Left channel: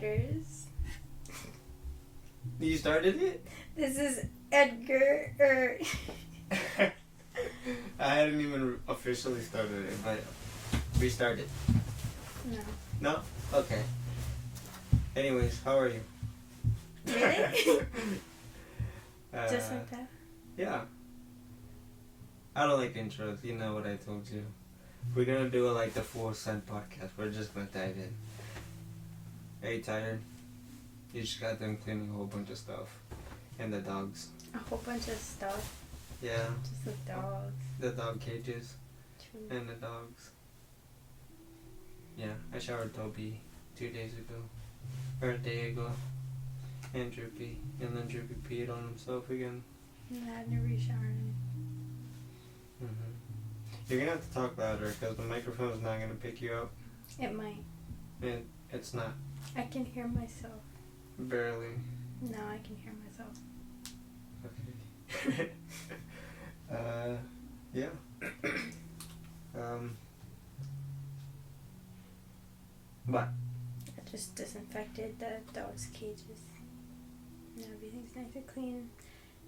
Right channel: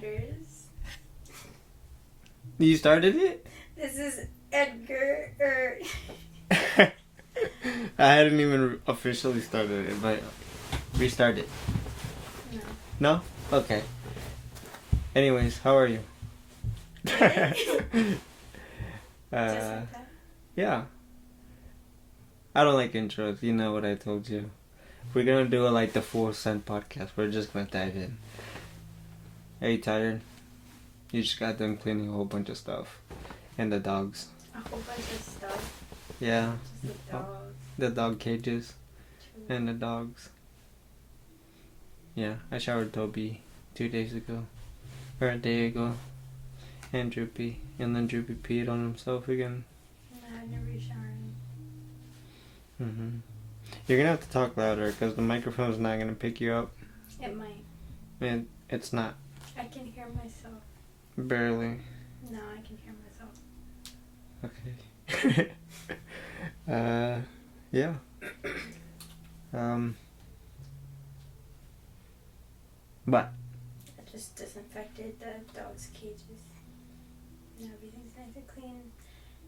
matters. You started it? This is Edgar. I hadn't even officially started it, but restart it. No. No? Okay. Anyways, how are you? Really? Just like that? Yeah. I don't like intros. You know what I told you. We're gonna do it like the full Sun podcast. We're just gonna dive in. Are you tired? You just got done cleaning a whole bunch of stuff. And the dogs. A whole bunch of stuff. Yeah. Just the dogs. The dog cages. True. And the dogs. Yeah, I showered Toby 2 days ago. Or a day ago. And Droopy. And then Droopy peed on himself again. No, I never showered. You're gonna have to talk louder because the microphone's not gonna pick you up. It might. And it's not. I can hear myself. Barely. No, I can hear myself. Okay. Yeah. But I just disinfected the dog's cages. Now everything's nice and clean.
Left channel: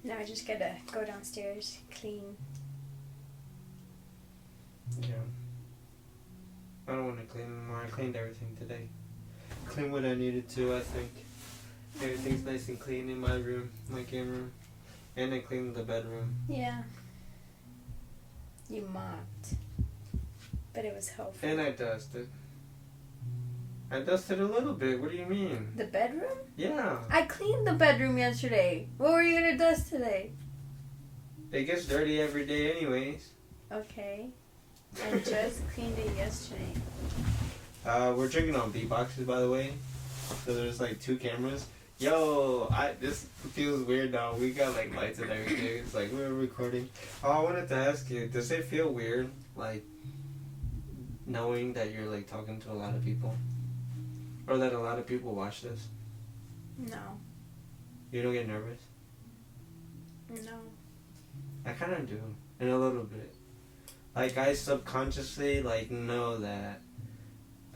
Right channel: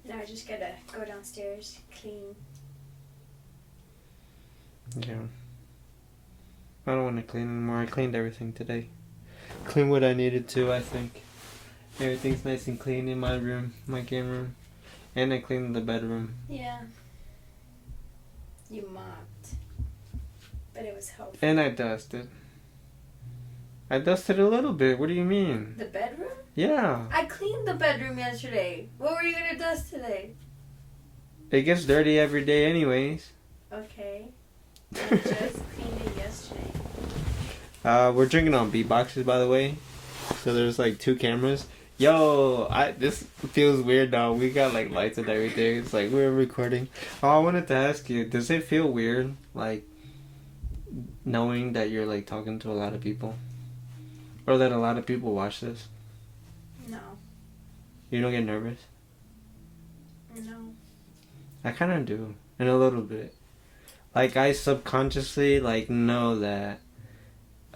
Now I just gotta go downstairs, clean. yeah. I don't want to clean anymore. I cleaned everything today. Cleaned what I needed to, I think. Everything's nice and clean in my room, my game room. And I cleaned the bedroom. Yeah. You mopped. But it was helpful. And I dusted. I dusted a little bit. What do you mean? The bedroom? Yeah. I cleaned the bedroom yesterday. What were you gonna dust today? It gets dirty every day anyways. Okay. I just cleaned it yesterday. We're drinking on beatboxes, by the way. So there's like 2 cameras. Yo, this feels weird now. We got like lights and everything. It's like we're recording. Oh, I wanted to ask you, does it feel weird, like, knowing that you're like talking to a lot of people? Or that a lot of people watch this? No. You don't get nervous? No. I kind of do. In a little bit. Like, I subconsciously, like, know that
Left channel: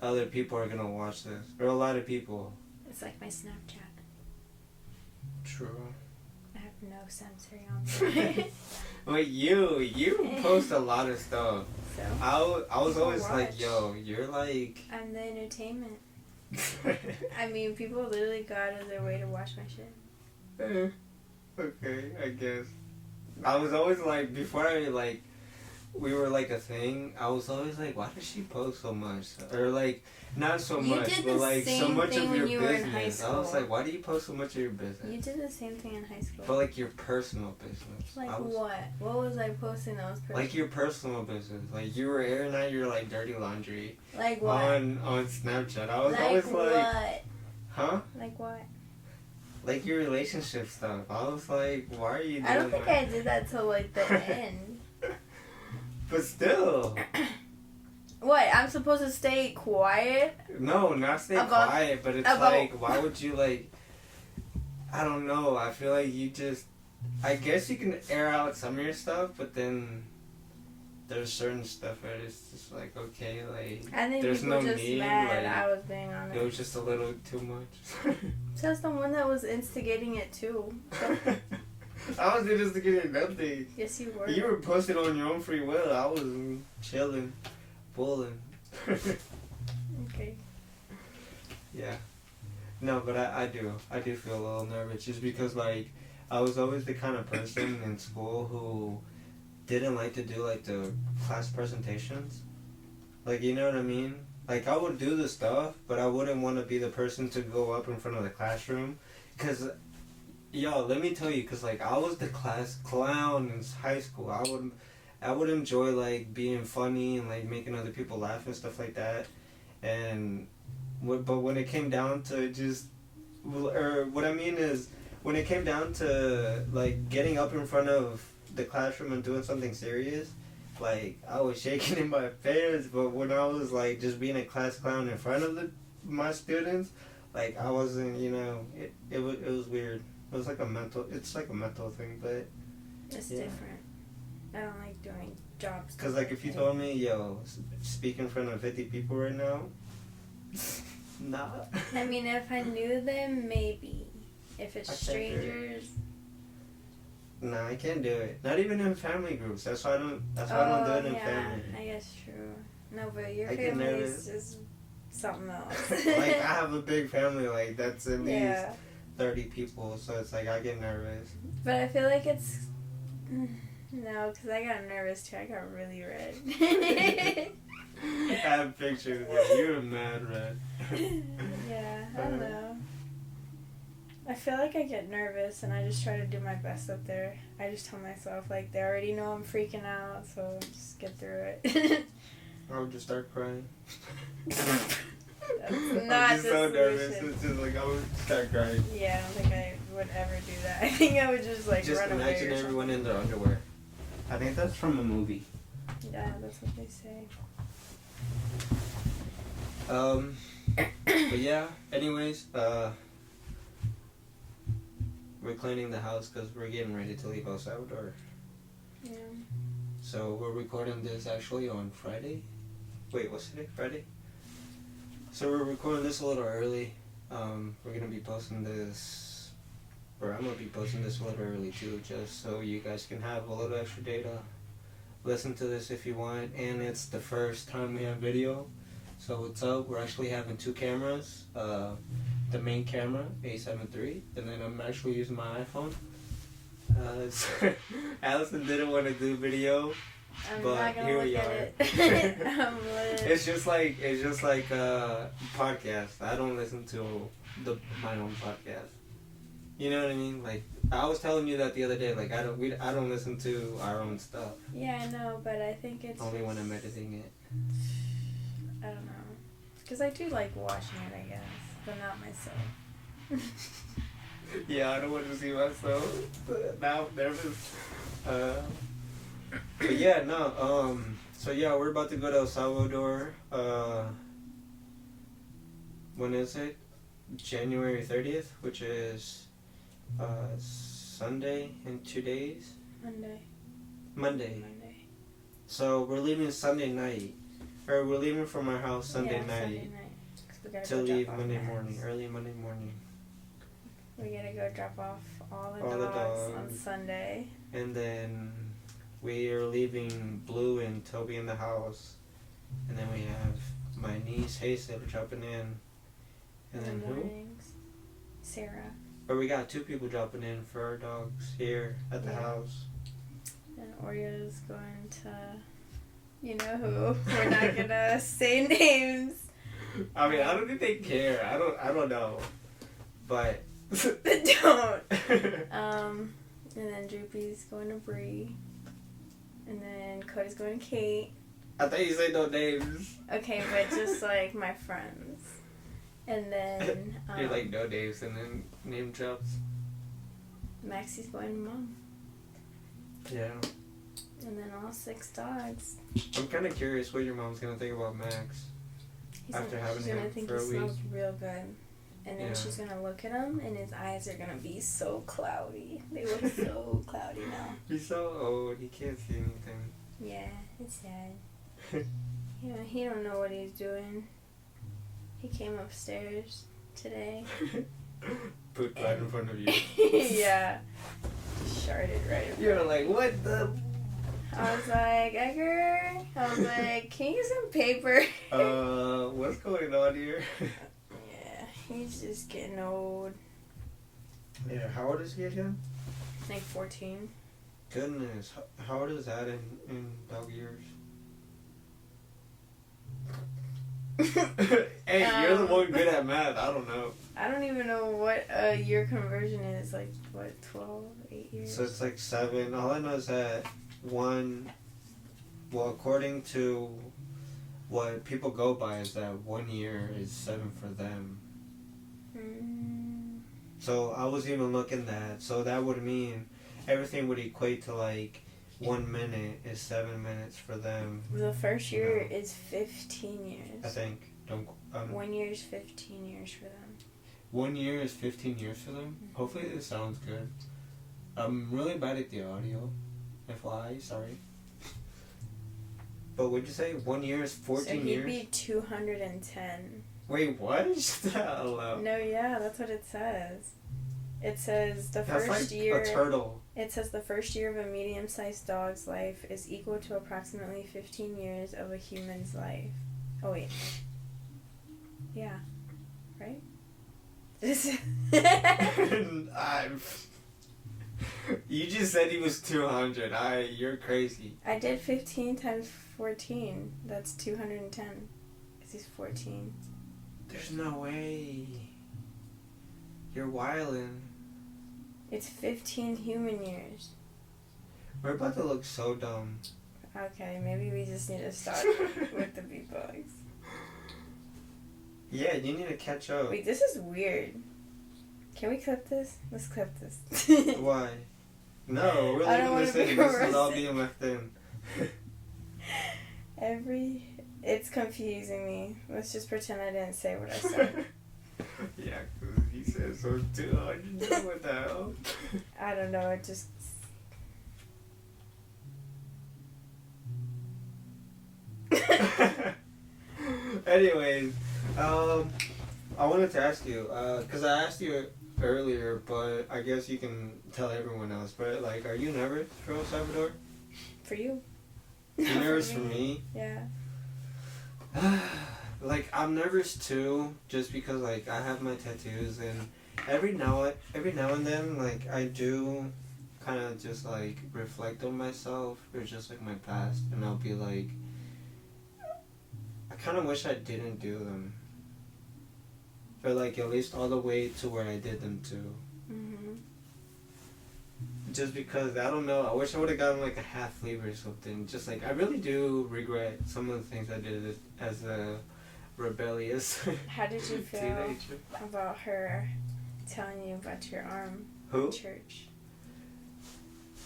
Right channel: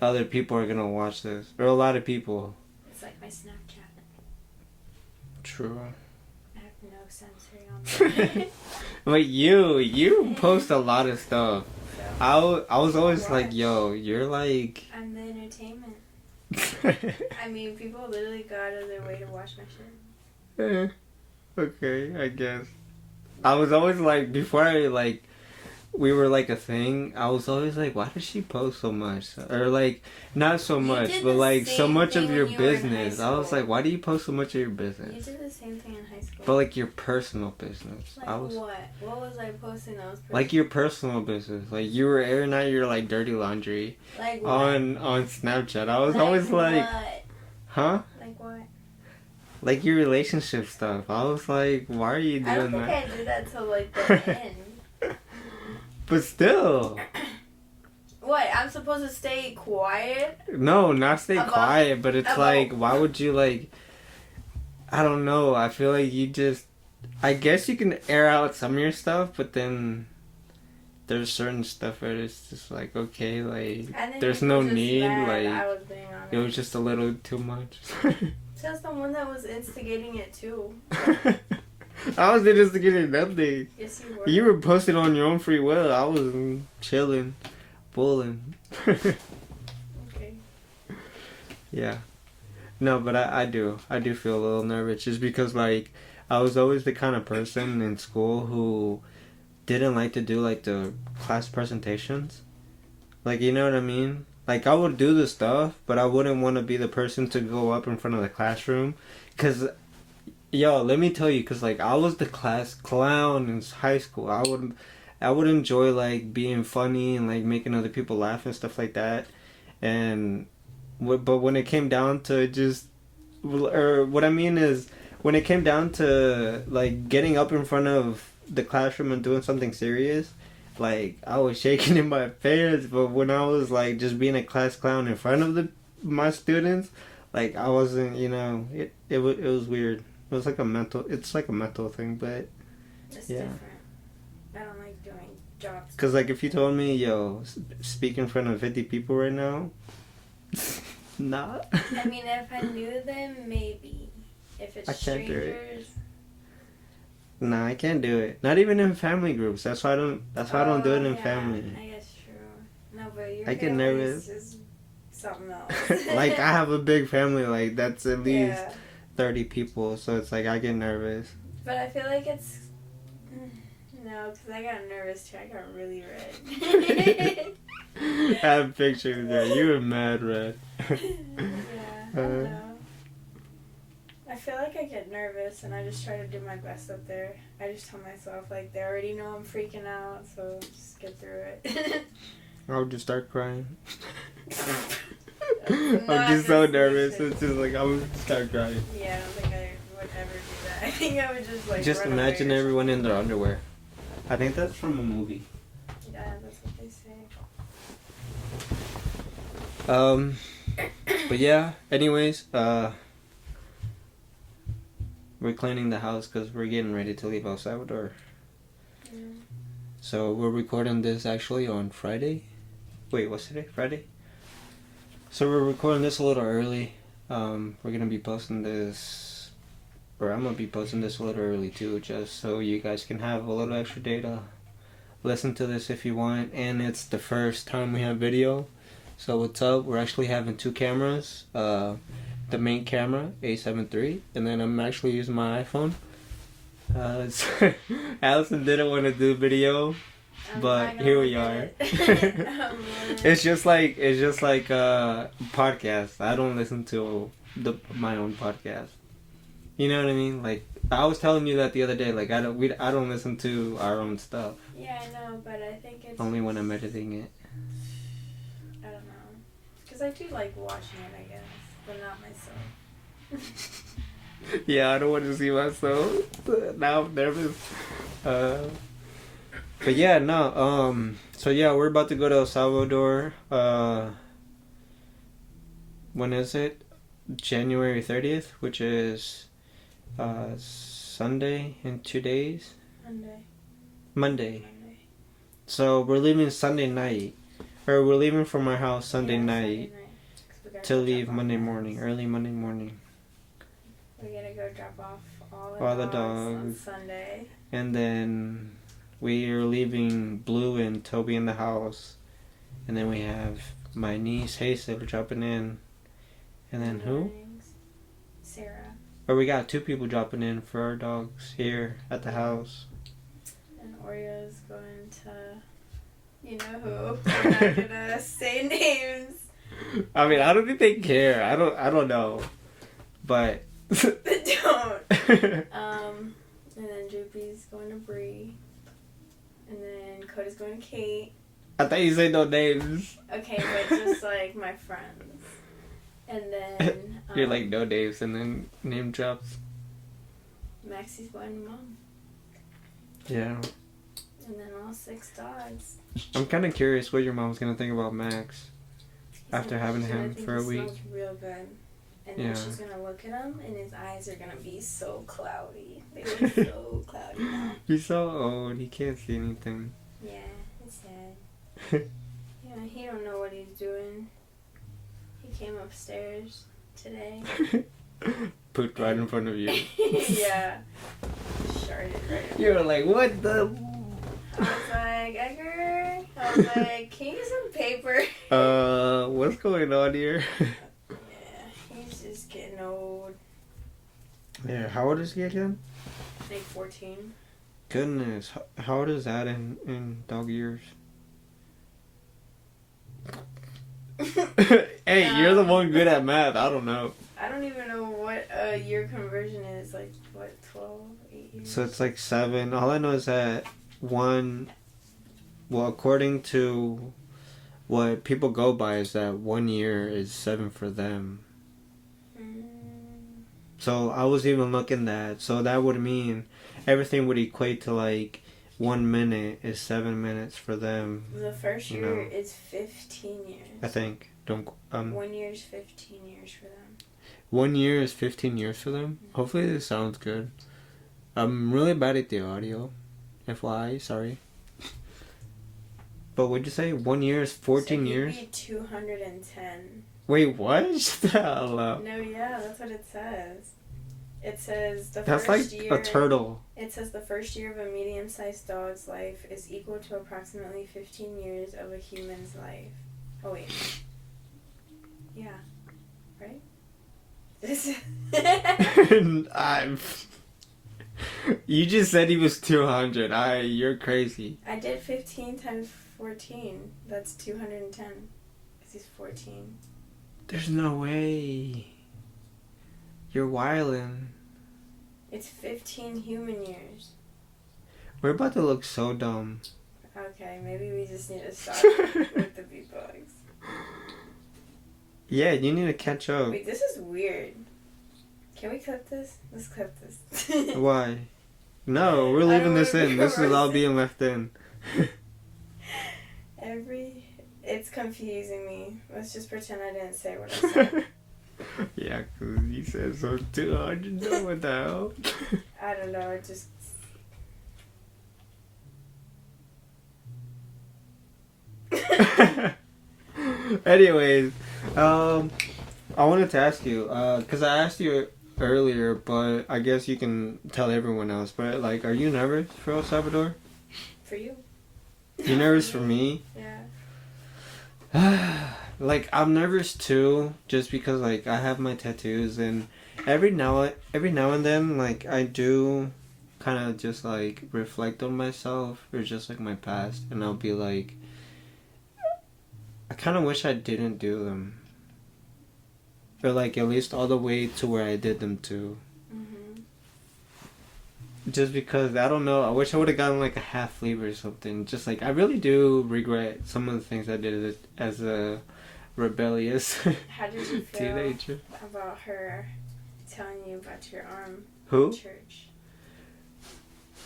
other people are gonna watch this. Or a lot of people. It's like my Snapchat. True. I have no sensory on there. But you post a lot of stuff. So, I was always watch. like, yo, you're like... I'm the entertainment. I mean, people literally go out of their way to watch my shit. Okay, I guess. I was always like, before I like, we were like a thing, I was always like, why does she post so much? Or like, not so much, but like so much of your business. I was like, why do you post so much of your business? You did the same thing in high school. But like your personal business. Like what? What was I posting that was personal? Like your personal business. Like you were airing out your like dirty laundry. Like what? On Snapchat. I was always like, what? huh? Like what? Like your relationship stuff. I was like, why are you doing that? I don't think I did that till like the end. But still. What? I'm supposed to stay quiet? No, not stay quiet, but it's like, why would you like, I don't know, I feel like you just, I guess you can air out some of your stuff, but then there's certain stuff where it's just like, okay, like, there's no need, like, I was being honest. It was just a little too much. Just the one that was instigating it too. I wasn't instigating nothing. Yes, you were. You were posting on your own free will. I was chilling, bulling. Okay. Yeah. No, but I do feel a little nervous just because, like, I was always the kind of person in school who didn't like to do, like, the class presentations. Like, you know what I mean? Like, I would do the stuff, but I wouldn't want to be the person to go up in front of the classroom. Because, yo, let me tell you, because, like, I was the class clown in high school. I would enjoy, like, being funny and, like, making other people laugh and stuff like that. And, but when it came down to just, or what I mean is, when it came down to, like, getting up in front of the classroom and doing something serious, like, I was shaking in my pants. But when I was, like, just being a class clown in front of my students, like, I wasn't, you know, it was weird. It was like it's like a mental thing, but it's different. I don't like doing jobs. Because, like, if you told me, yo, speak in front of 50 people right now, Nah. I mean, if I knew them, maybe. If it's strangers. Nah, I can't do it. Not even in family groups. That's why I don't. That's why I don't do it in family. I guess true. No, but your I get family nervous. is something else. Like I have a big family. Like that's at least 30 people. So it's like I get nervous. But I feel like it's no, because I got nervous too. I got really red. I have pictures there. You were mad red. Yeah, I don't know. I feel like I get nervous and I just try to do my best up there. I just tell myself, like, they already know I'm freaking out, so just get through it. I would just start crying. I'm I'm just so nervous. It's just like I would start crying. Yeah, I don't think I would ever do that. I think I would just like just run imagine away everyone in their underwear. I think that's from a movie. Yeah, that's what they say. But yeah. Anyways, we're cleaning the house because we're getting ready to leave El Salvador. Yeah. So we're recording this actually on Friday. Wait, what's today? Friday? So we're recording this a little early. We're gonna be posting this, or I'm gonna be posting this a little early too, just so you guys can have a little extra day to listen to this if you want. And it's the first time we have video. So what's up? We're actually having two cameras. The main camera, A7 III, and then I'm actually using my iPhone. So Allison didn't want to do video, but here we are. It's just like a podcast. I don't listen to my own podcast. You know what I mean? Like I was telling you that the other day. Like I don't listen to our own stuff. Yeah, I know, but I think it's only when I'm editing it. I don't know, because I do like watching it, I guess. But not myself. Yeah, I don't want to see myself. Now I'm nervous. But yeah, no. So yeah, we're about to go to El Salvador. When is it? January 30th, which is Sunday in 2 days. Monday. So we're leaving Sunday night, or we're leaving from our house Sunday night. To leave Monday morning, early Monday morning. We gotta go drop off all the dogs dogs on Sunday. And then we are leaving Blue and Toby in the house. And then we have my niece Hazel dropping in. And then who? Sarah. Or we got two people dropping in for our dogs here at the house. And Oreo's going to, you know who. We're not gonna say names. I mean, I don't think they care. I don't know, but don't. And then Droopy's going to Bree, and then Cody's going to Kate. I thought you said no names. Okay, but just like my friends, and then you're like no names, and then name drops. Maxie's going to Mom. Yeah. And then all 6 dogs. I'm kind of curious what your mom's gonna think about Max. After having him for a week. Smells real good. And then she's going to look at him and his eyes are going to be so cloudy. They look so cloudy now. He's so old. He can't see anything. Yeah, it's sad. Yeah, he don't know what he's doing. He came upstairs today. Put right in front of you. Yeah. Sharded right in. You were like, what the... I was like, Edgar, I was like, can you use some paper? What's going on here? Yeah, he's just getting old. Yeah, how old is he again? Like 14. Goodness, how old is that in dog years? Hey, you're the one good at math. I don't know. I don't even know what a year conversion is. Like, what, 12, 8 years? So it's like 7. All I know is that according to what people go by, is that 1 year is 7 for them. So I was even looking at, so that would mean everything would equate to like 1 minute is 7 minutes for them. The first year is 15 years. I think. 1 year is 15 years for them. 1 year is 15 years for them? Mm-hmm. Hopefully this sounds good. I'm really bad at the audio. FYI, sorry. But what'd you say? 1 year is 14 so years? He'd be 210. Wait, what? Shut the hell up. No, yeah, that's what it says. It says the That's first like year. a turtle. It says the first year of a medium-sized dog's life is equal to approximately 15 years of a human's life. Oh wait. Yeah. Right? You just said he was 200. You're crazy. I did 15 times 14. That's 210. Because he's 14. There's no way. You're wildin'. It's 15 human years. We're about to look so dumb. Okay, maybe we just need to start with the beatbox. Yeah, you need to catch up. Wait, this is weird. Can we clip this? Let's clip this. Why? No, we're leaving this in. This is all being left in. It's confusing me. Let's just pretend I didn't say what I said. Yeah, because you said so 200. What the hell? I don't know. It just. Anyways, I wanted to ask you, because I asked you earlier, but I guess you can tell everyone else. But like, are you nervous for El Salvador? For you. You're nervous for me? Yeah. Like, I'm nervous too, just because like I have my tattoos, and every now and then, like, I do kind of just like reflect on myself or just like my past, and I'll be like, I kind of wish I didn't do them, or like at least all the way to where I did them to. Just because, I don't know, I wish I would have gotten like a half sleeve or something. Just like, I really do regret some of the things I did as a rebellious How did you feel teenager. About her telling you about your arm? Who? In church.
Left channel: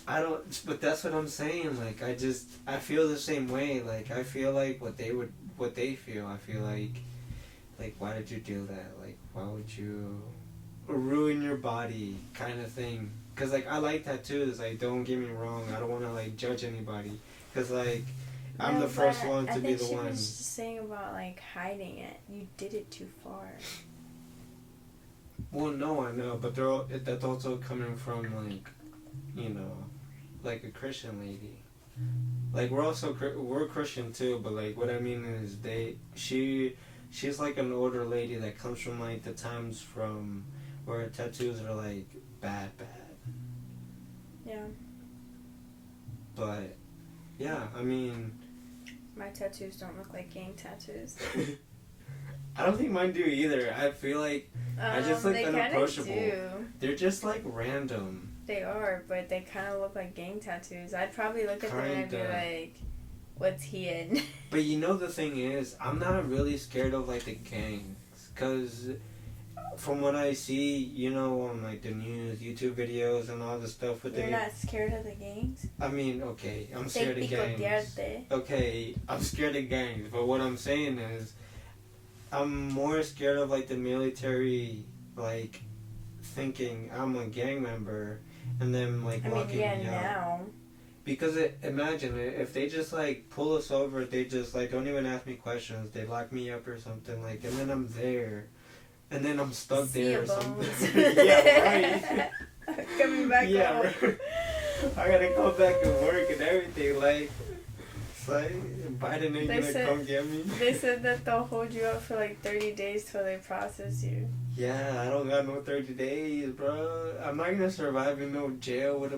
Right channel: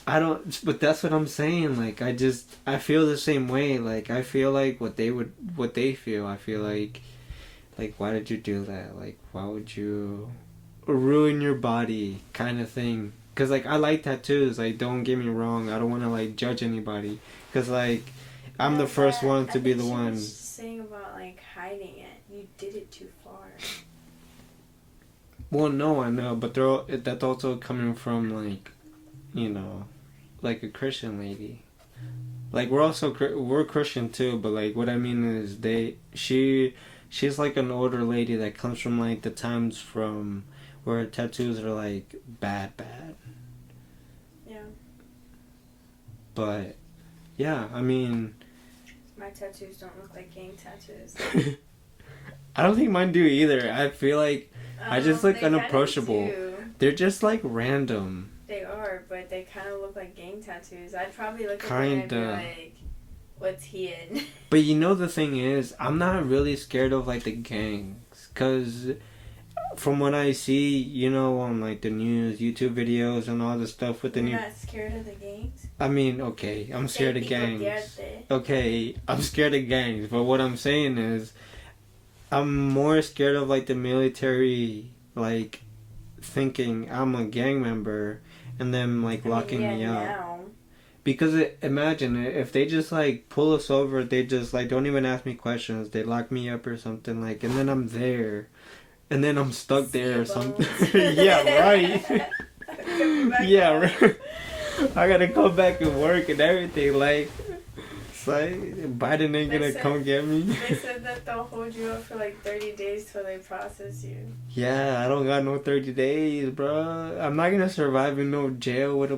I don't, but that's what I'm saying. Like, I feel the same way. Like, I feel like what they feel. I feel like, why did you do that? Like, why would you ruin your body, kind of thing? Because, like, I like tattoos. Like, don't get me wrong. I don't want to, like, judge anybody. Because, like, I'm the first one to be the one. I was just saying about, like, hiding it. You did it too far. Well, no, I know. But that's also coming from, like, you know, like a Christian lady. Like, we're Christian, too. But, like, what I mean is she's, like, an older lady that comes from, like, the times from where tattoos are, like, bad. Yeah. But, yeah, I mean... My tattoos don't look like gang tattoos. I don't think mine do either. I feel like I just look unapproachable. They're just, like, random. They are, but they kind of look like gang tattoos. I'd probably look at them and be like, what's he in? But you know the thing is, I'm not really scared of, like, the gangs. Because... from what I see, you know, on like the news, YouTube videos and all the stuff with the You're not scared of the gangs? I mean, okay, I'm scared of gangs. Okay, I'm scared of gangs, but what I'm saying is, I'm more scared of like the military, like, thinking I'm a gang member and then like locking me up. Now. Because imagine if they just like pull us over, they just like don't even ask me questions, they lock me up or something, like, and then I'm there. And then I'm stuck there or something. Yeah, right. Yeah, right. I gotta come back and work and everything. Like, it's like, Biden ain't gonna come get me. They said that they'll hold you up for like 30 days till they process you. Yeah, I don't got no 30 days, bro. I'm not gonna survive in no jail with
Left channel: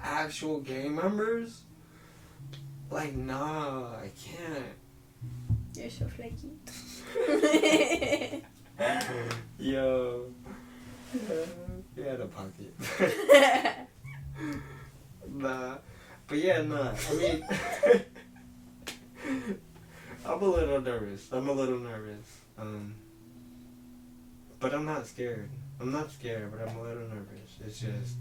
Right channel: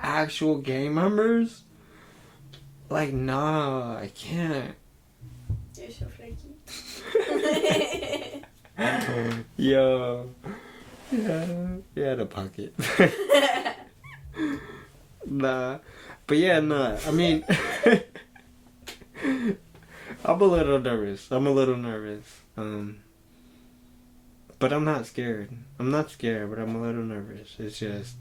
actual gang members. Like, nah, I can't. You're so flaky. Yo. Yeah, the pocket. Nah. But yeah, nah. I mean, I'm a little nervous. But I'm not scared. I'm not scared, but I'm a little nervous. It's just,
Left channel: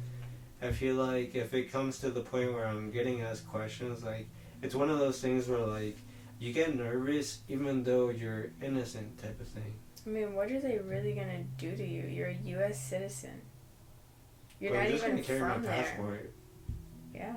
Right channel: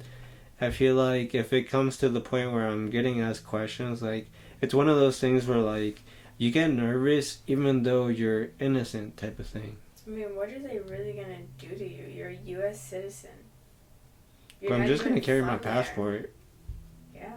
I feel like if it comes to the point where I'm getting asked questions, like, it's one of those things where, like, you get nervous even though you're innocent type of thing. I mean, what are they really gonna do to you? You're a U.S. citizen. I'm just gonna carry my passport. Yeah.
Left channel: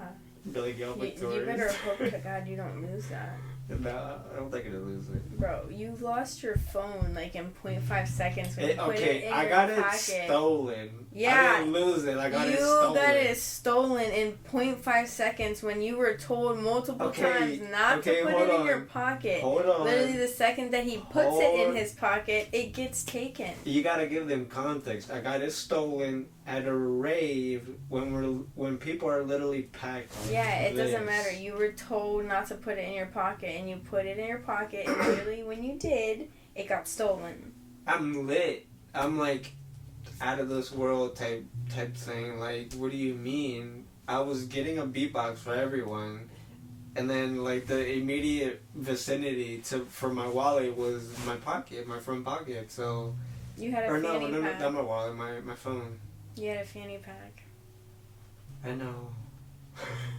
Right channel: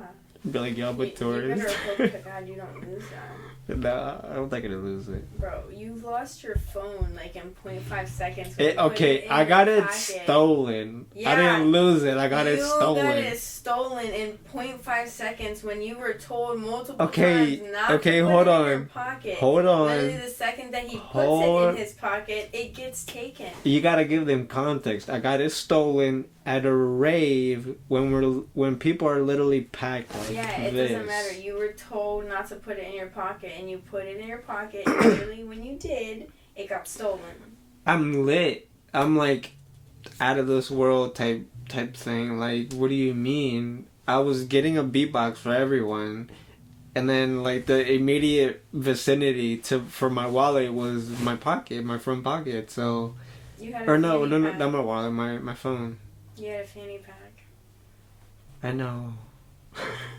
Be like, y'all but You tourists. better hope to God you don't lose that. No, I don't think I'd lose it. Bro, you lost your phone like in 0.5 seconds. I got it stolen. Yeah, I didn't lose it. I got it stolen. You got it stolen in 0.5 seconds when you were told multiple times not to put it in your pocket. Hold on. Literally the second that he puts it in his pocket, it gets taken. You gotta give them context. I got it stolen at a rave when people are literally packed like it this. doesn't matter. You were told not to put it in your pocket, and you put it in your pocket, and literally when you did, it got stolen. I'm lit. I'm like out of this world type thing. Like, what do you mean? I was getting a beatbox for everyone, and then like the immediate vicinity for my wallet was my pocket, my front pocket. So you had a fanny pack. not my wallet, my phone. You had a fanny pack. I know.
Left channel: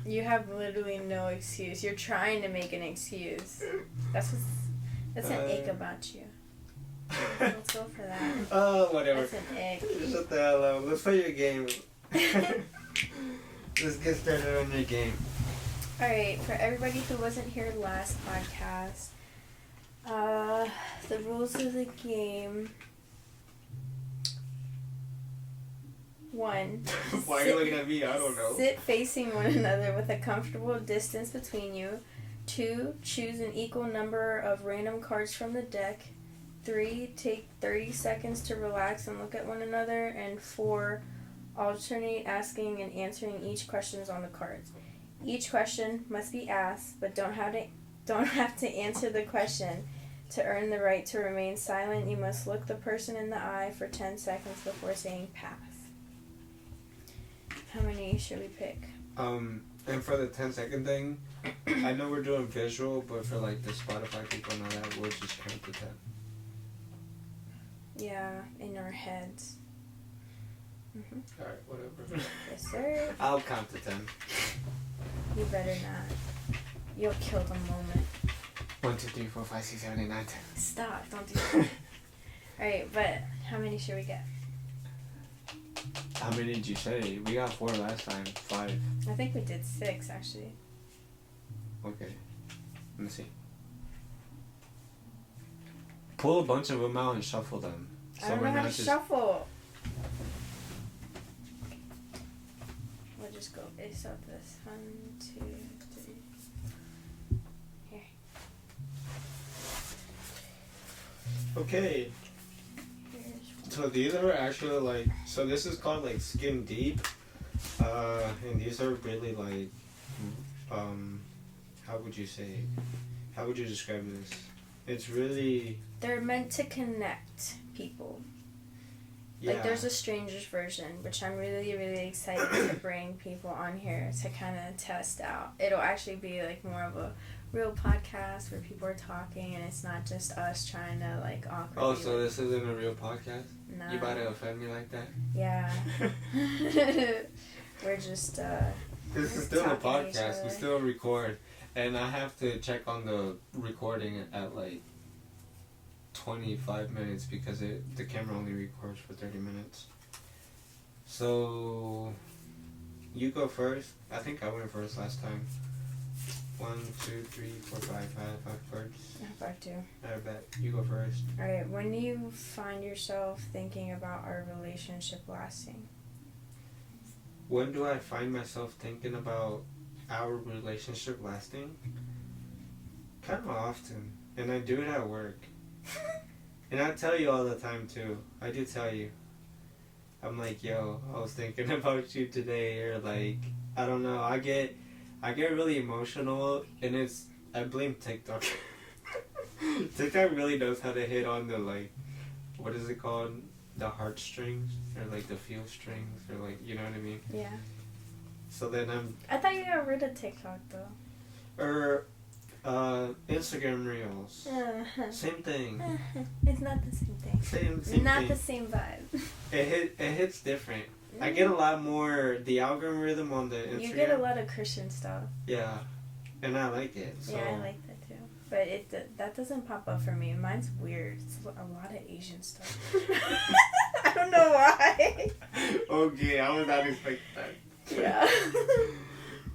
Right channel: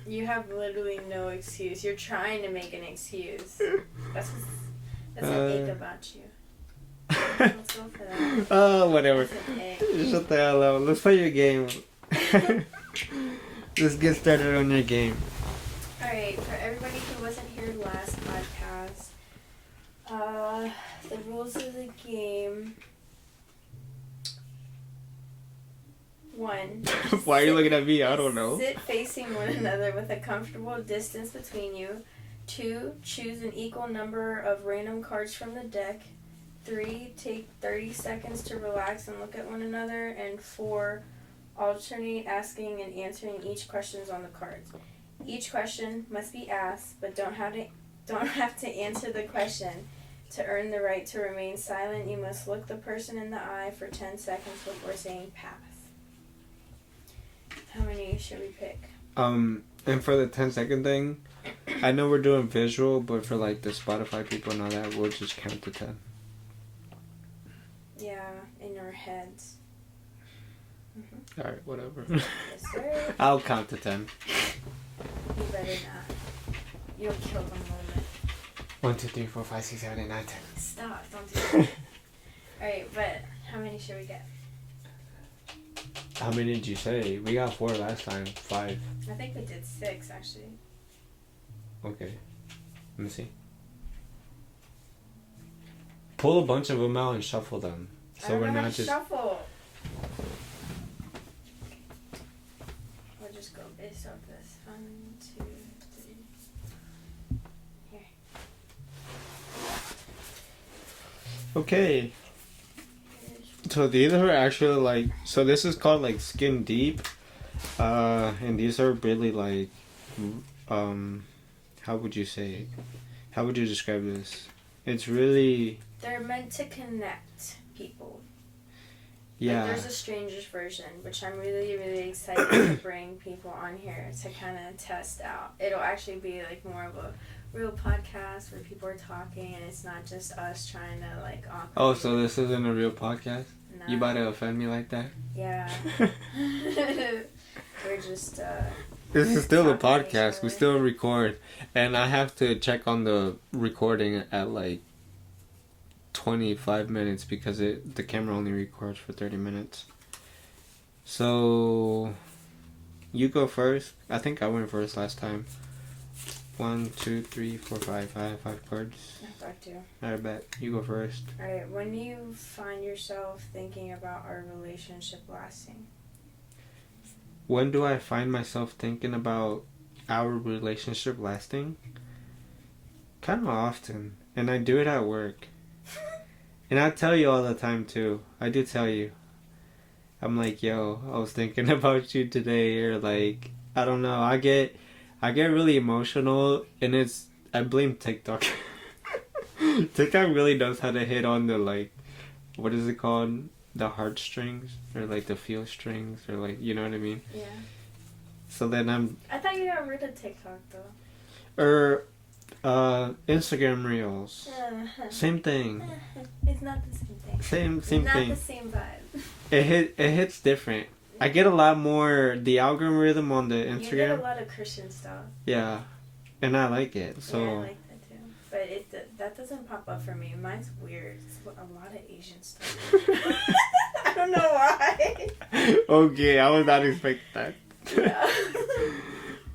You have literally no excuse. You're trying to make an excuse. That's an ick about you. Let's go for that. Oh, whatever. That's an ick. Shut the hell up. Let's play your game. Let's get started on your game. Alright, for everybody who wasn't here last podcast, the rules of the game. 1. Why are you looking at me? I don't know. Sit facing one another with a comfortable distance between you. 2. Choose an equal number of random cards from the deck. 3. Take 30 seconds to relax and look at one another. And 4. Alternate asking and answering each questions on the cards. Each question must be asked, but don't have to answer the question. To earn the right to remain silent, you must look the person in the eye for 10 seconds before saying pass. How many should we pick? And for the 10-second thing, I know we're doing visual, but for like the Spotify people and all that, we'll just count to 10. Yeah, in our heads. Mm-hmm. Alright, whatever. Yes, sir. I'll count to 10. You better not. You'll kill the moment. 1, 2, 3, 4, 5, 6, 7, 8, 9, 10. Stop, don't do that. Alright, but how many should we get? How many did you say? We got 4 last time. 5. I think we did 6, actually. Okay. Let me see. Pull a bunch of them out and shuffle them. So I don't know how to shuffle. We'll just go based off this. 1, 2, 3. Here. Okay. So these are actually like, so this is called like skin deep, and these are really like, how would you say, how would you describe this? It's really... They're meant to connect people. Yeah. Like there's a stranger's version, which I'm really, really excited to bring people on here to kind of test out. It'll actually be like more of a real podcast where people are talking and it's not just us trying to like awkward. Oh, so this isn't a real podcast? No. You about to offend me like that? Yeah. We're just this is still a podcast. We still record, and I have to check on the recording at like 25 minutes because the camera only records for 30 minutes. So you go first. I think I went first last time. 1, 2, 3, 4, 5. I have 5 cards. I have 5 too. I bet. You go first. Alright, when do you find yourself thinking about our relationship lasting? When do I find myself thinking about our relationship lasting? Kind of often. And I do it at work. And I tell you all the time too. I do tell you. I'm like, yo, I was thinking about you today. Or like, I don't know. I get really emotional, and I blame TikTok. TikTok really knows how to hit on the like, what is it called? The heartstrings, or like the feel strings, or like, you know what I mean? Yeah. So then I thought you got rid of TikTok though. Or Instagram Reels. Same thing. It's not the same thing. Same thing. Not the same vibe. It hits different. I get a lot more the algorithm on the Instagram. You get a lot of Christian stuff. Yeah, and I like it. So. Yeah, I like that too. But that doesn't pop up for me. Mine's weird. It's a lot of Asian stuff. I don't know why. Okay, I was not expecting that. Yeah.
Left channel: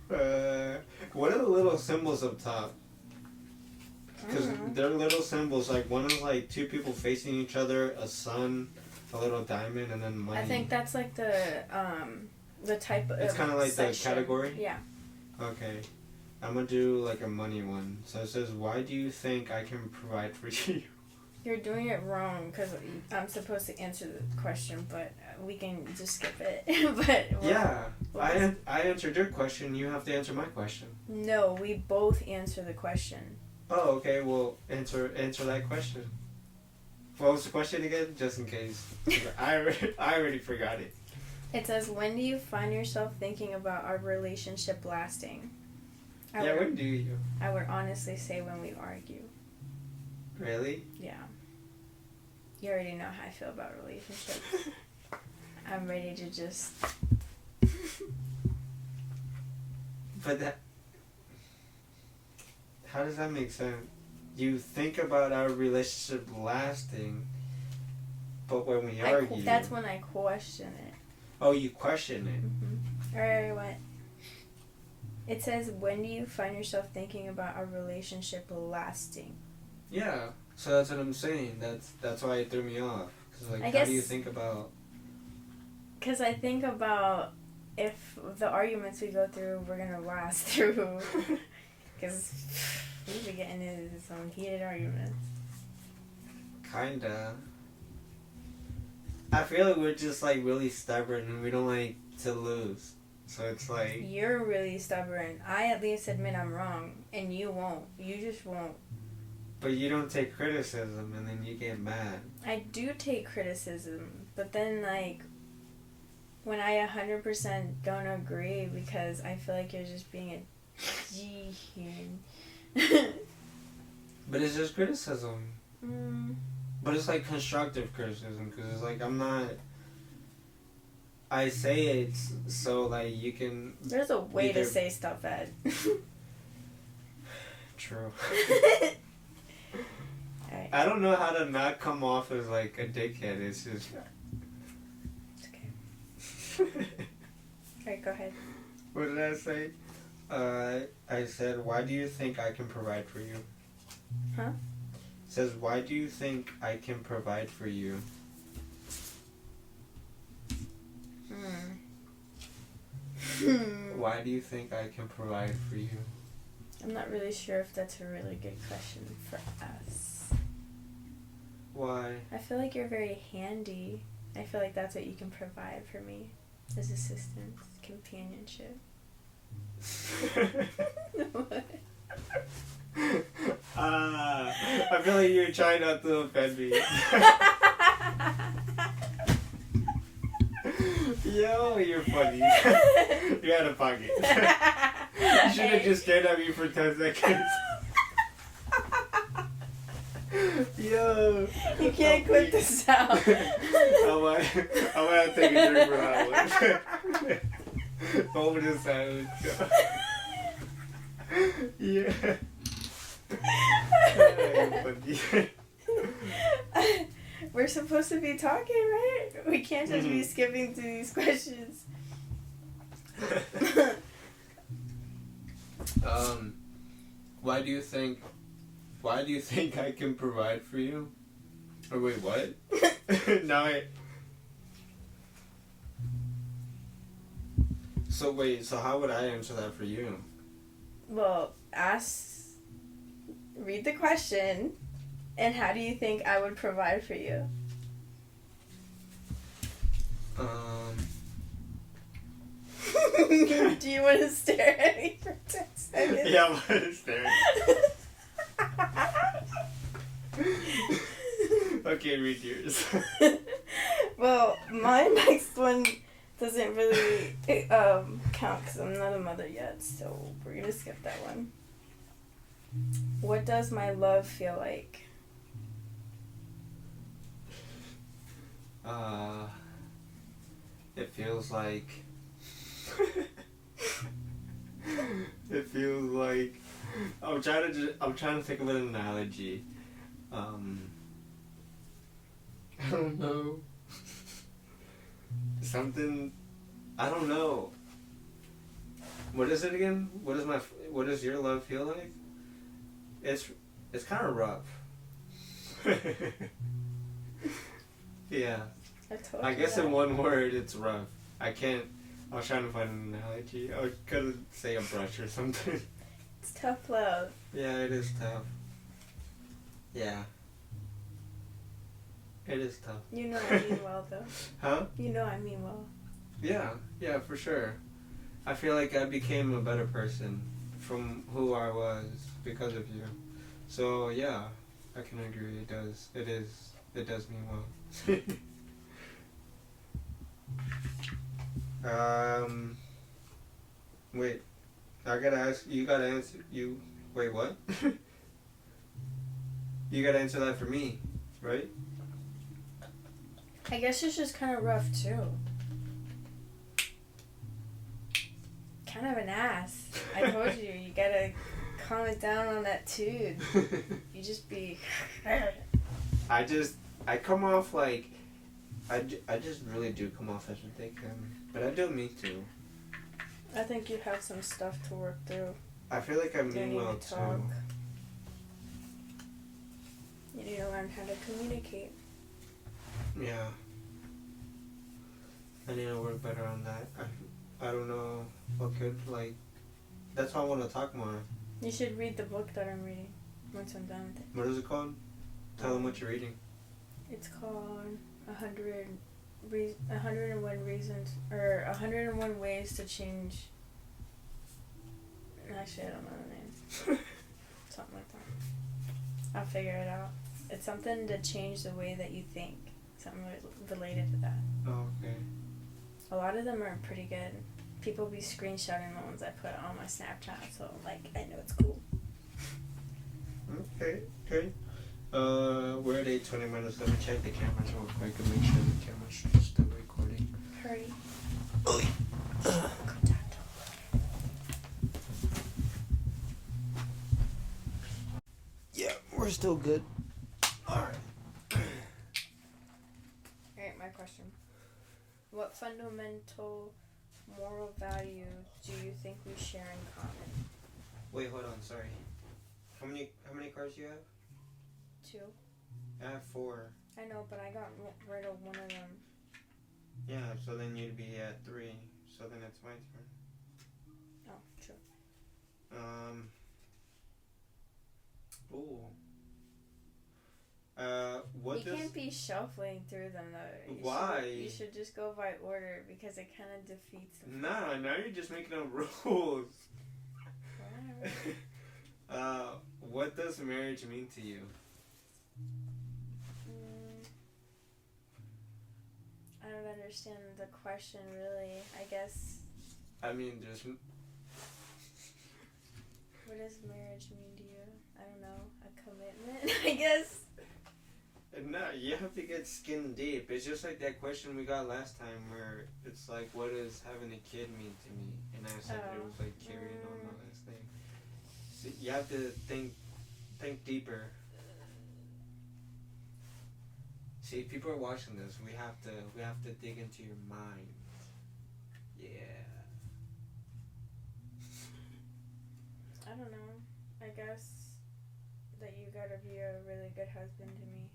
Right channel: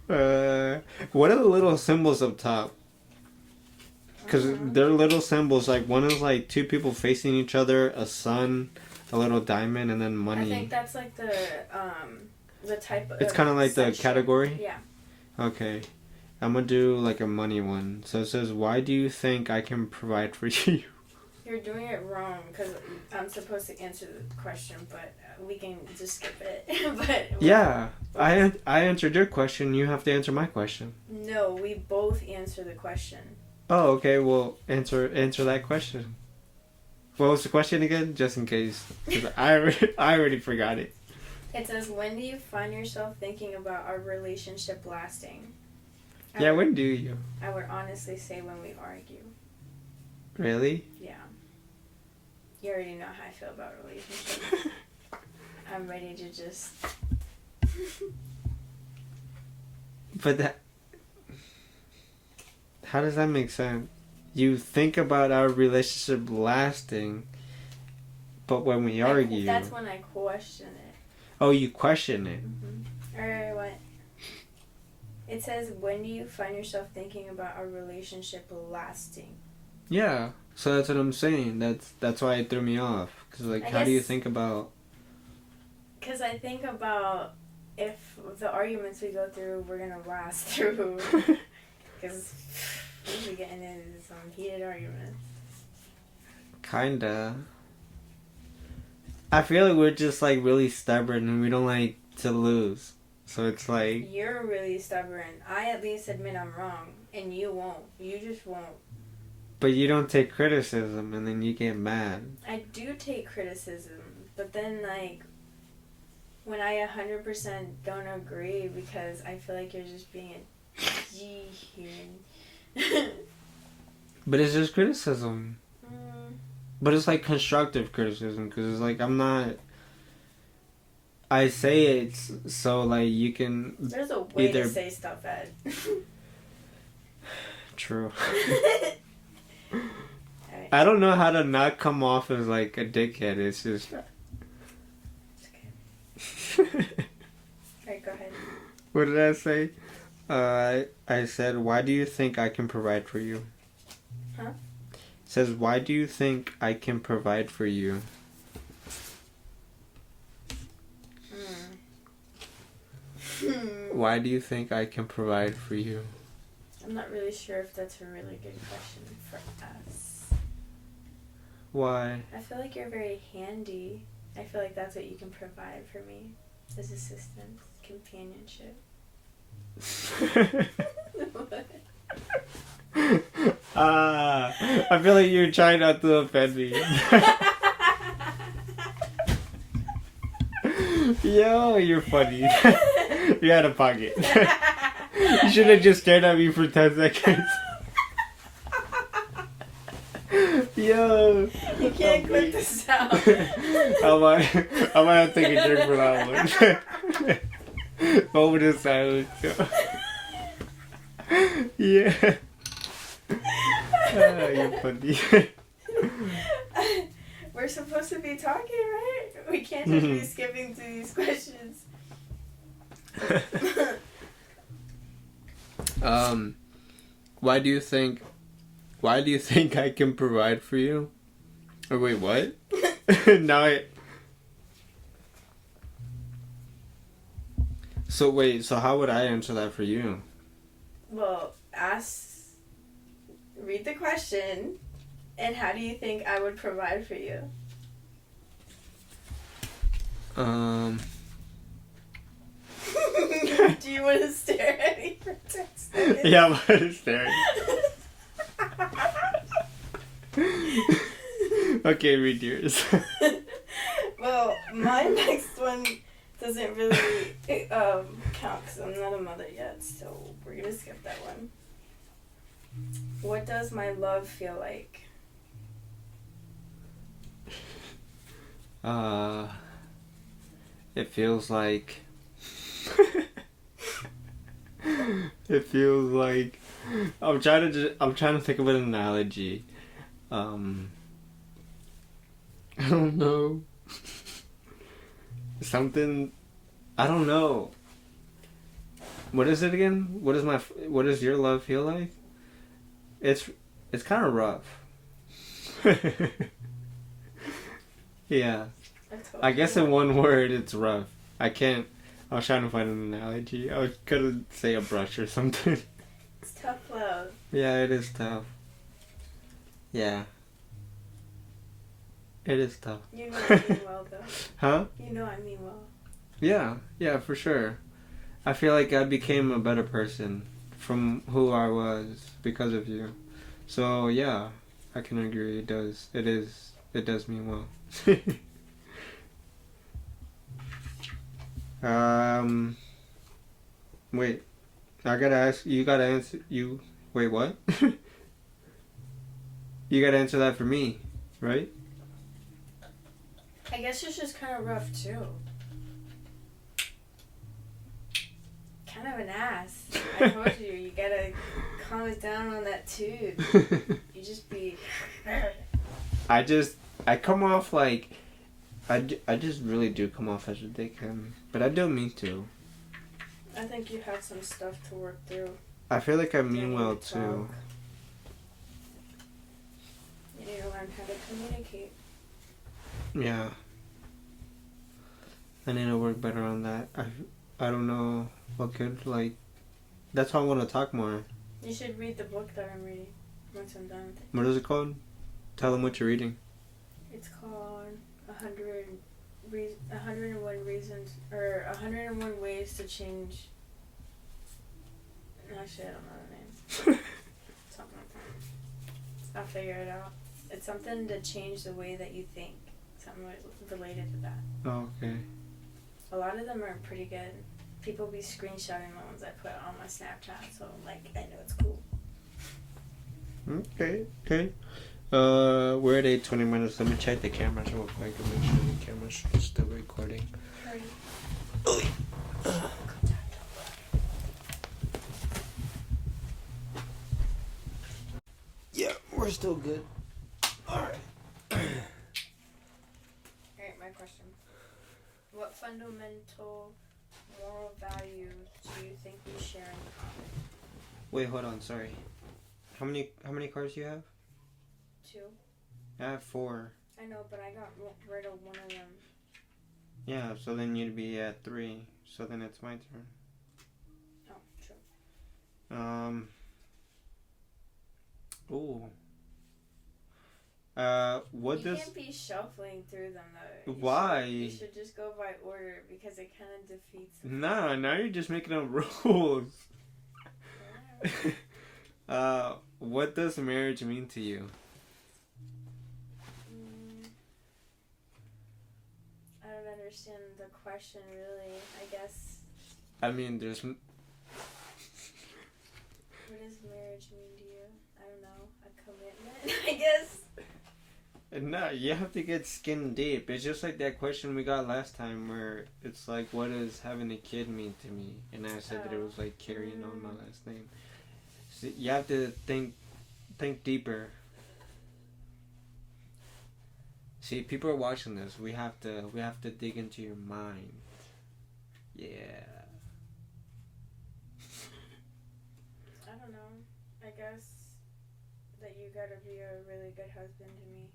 What are the little symbols up top? Because they're little symbols. Like one is like two people facing each other, a sun, a little diamond, and then money. I think that's like the type of. It's kind of like section. the category. Yeah. Okay, I'm gonna do like a money one. So it says, "Why do you think I can provide for you?" You're doing it wrong because I'm supposed to answer the question, but we can just skip it. But yeah, I answered your question. You have to answer my question. No, we both answer the question. Oh, okay. Well, answer that question. What was the question again? Just in case, 'cause I already forgot it. It says, "When do you find yourself thinking about our relationship lasting?" When do you? I would honestly say when we argue. Really? Yeah. You already know how I feel about relationships. I'm ready to just... But that... How does that make sense? You think about our relationship lasting, but when we argue... That's when I question it. Oh, you question it. Mm-hmm. Alright, what? It says, when do you find yourself thinking about our relationship lasting? Yeah, so that's what I'm saying. That's why it threw me off. Because, like, how do you think about... Because I think about if the arguments we go through, we're going to last through. Because we be getting into some heated arguments. Kinda. I feel like we're just, like, really stubborn and we don't like to lose. So it's like... You're really stubborn. I at least admit I'm wrong. And you won't. You just won't. But you don't take criticism and then you get mad. I do take criticism. But then, like, when I 100% don't agree because I feel like you're just being a G-human. But it's just criticism. But it's like constructive criticism because it's like I'm not... I say it so like you can... There's a way to say stuff, Ed. True. I don't know how to not come off as like a dickhead. It's just... It's okay. Alright, go ahead. What did I say? I said, why do you think I can provide for you? Huh? It says, why do you think I can provide for you? Why do you think I can provide for you? I'm not really sure if that's a really good question for us. Why? I feel like you're very handy. I feel like that's what you can provide for me. Is assistance, companionship. I feel like you're trying not to offend me. Yo, you're funny. You're out of pocket. You should have just stared at me for 10 seconds. Yo. You can't quit this out. I might have to take a drink for that one. Moment of silence. Yeah. You're funny. We're supposed to be talking, right? We can't just be skipping through these questions. Why do you think I can provide for you? Oh wait, what? So how would I answer that for you? Well, read the question, and how do you think I would provide for you? Do you want to stare at me for 10 seconds? Yeah, I'm gonna stare. Okay, read yours. Well, my next one doesn't really count because I'm not a mother yet, so we're gonna skip that one. What does my love feel like? It feels like... It feels like... I'm trying to think of an analogy. I don't know. Something... I don't know. What is it again? What does your love feel like? It's kind of rough. Yeah. I guess in one word, it's rough. I was trying to find an analogy. I was gonna say a brush or something. It's tough love. Yeah, it is tough. Yeah. It is tough. You know I mean well, though. Huh? You know I mean well. Yeah, for sure. I feel like I became a better person from who I was because of you. So, yeah, I can agree. It does mean well. Wait. I gotta ask, you gotta answer, wait, what? You gotta answer that for me, right? I guess it's just kind of rough, too. Kind of an ass. I told you, you gotta calm it down on that tube. You just be... I come off like, I just really do come off as a dickhead. But I don't mean to. I think you have some stuff to work through. I feel like I mean well, too. You need to learn how to communicate. Yeah. I need to work better on that. I don't know what could, like... That's why I want to talk more. You should read the book that I'm reading once I'm done with it. What is it called? Tell them what you're reading. It's called 101 Reasons... Or 101 Ways to Change... Actually, I don't know the name. Something like that. I'll figure it out. It's something to change the way that you think. Something related to that. Oh, okay. A lot of them are pretty good. People be screenshotting the ones I put on my Snapchat, so like I know it's cool. Okay. We're at 8:20 minutes. Let me check the cameras real quick and make sure the camera's still recording. Hurry. Yeah, we're still good. Alright. Alright, my question. What fundamental moral value do you think we share in common? Wait, hold on, sorry. How many cars do you have? 2. I have 4. I know, but I got rid of one of them. Yeah, so then you'd be at 3. So then it's my turn. Oh, true. Ooh. What You does... can't be shuffling through them though. Why? You should just go by order because it kind of defeats the Nah, now you're just making up rules. What does marriage mean to you? I don't understand the question really. I guess. I mean, there's... What does marriage mean to you? I don't know. A commitment, I guess. No, you have to get skin deep. It's just like that question we got last time where it's like, what does having a kid mean to me? And I said that it was like carrying on my last name. So you have to think deeper. See, people are watching this. We have to dig into your mind. Yeah. I don't know. I guess that you gotta be a really good husband to me.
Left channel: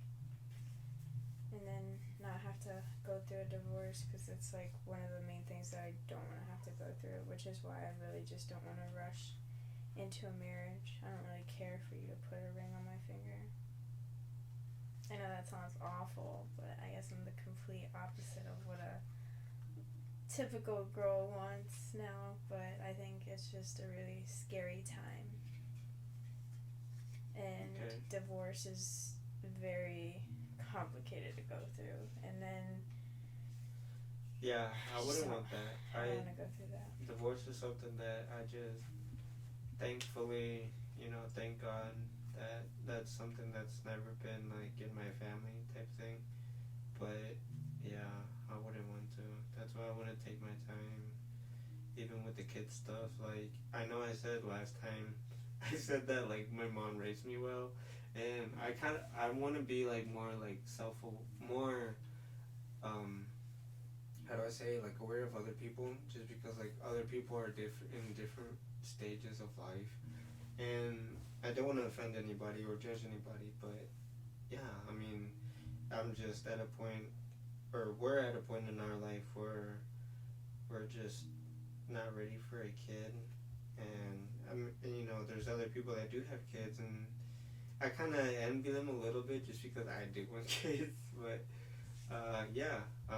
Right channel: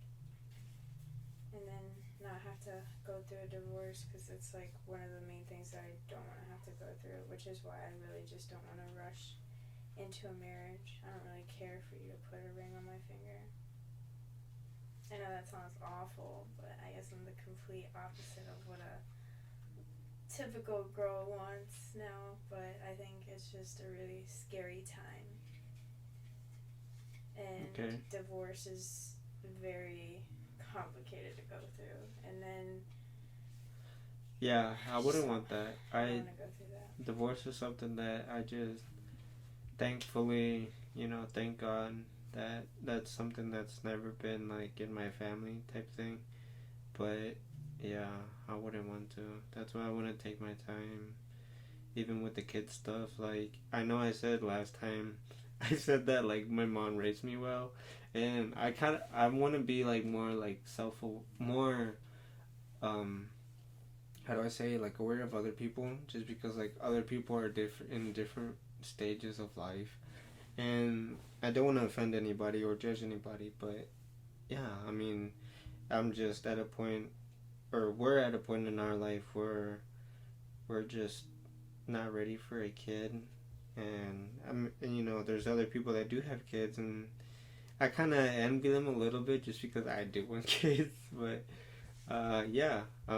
And then not have to go through a divorce because it's like one of the main things that I don't want to have to go through, which is why I really just don't want to rush into a marriage. I don't really care for you to put a ring on my finger. I know that sounds awful, but I guess I'm the complete opposite of what a typical girl wants now, but I think it's just a really scary time. And divorce is very complicated to go through, and then I wouldn't want that. I don't want to go through that. Divorce is something that I just thankfully, thank God that that's something that's never been like in my family type thing. But yeah, I wouldn't want to. That's why I want to take my time, even with the kids stuff. Like I know I said last time, I said that like my mom raised me well. And I want to be like more like how how do I say, like, aware of other people, just because, like, other people are different in different stages of life, and I don't want to offend anybody or judge anybody, but yeah, I mean, I'm just at a point, or we're at a point in our life where we're just not ready for a kid, and you know, there's other people that do have kids, and I kind of envy them a little bit just because I do want kids, but yeah, I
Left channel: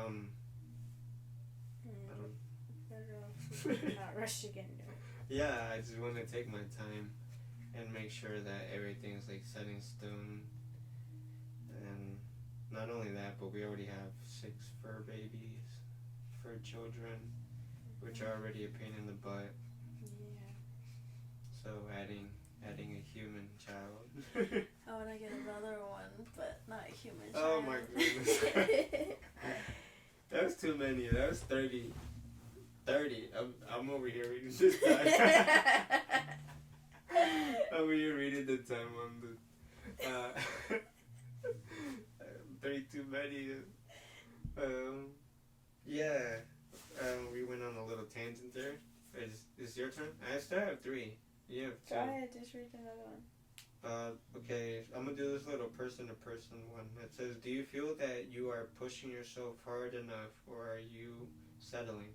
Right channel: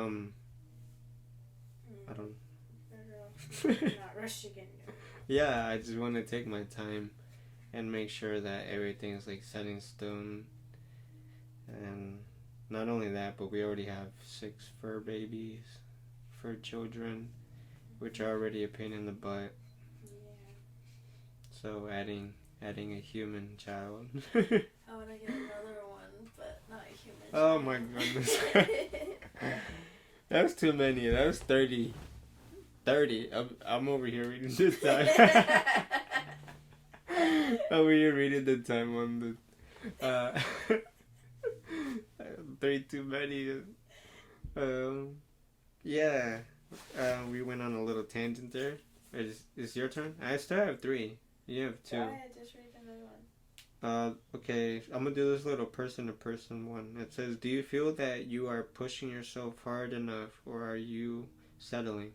don't. Not rushing into it. Yeah, I just want to take my time and make sure that everything's like set in stone. And not only that, but we already have 6 fur babies, fur children, which are already a pain in the butt. Yeah. So adding a human child. I want to get another one, but not a human child. Oh my goodness. That was too many. That was 30. 30. I'm over here reading this time. Over here reading the time on the 30 too many. Yeah. We went on a little tangent there. It's your turn? I still have 3. You have 2. Go ahead, just read another one. Okay, I'm gonna do this little person-to-person one. It says, do you feel that you are pushing yourself hard enough, or are you settling?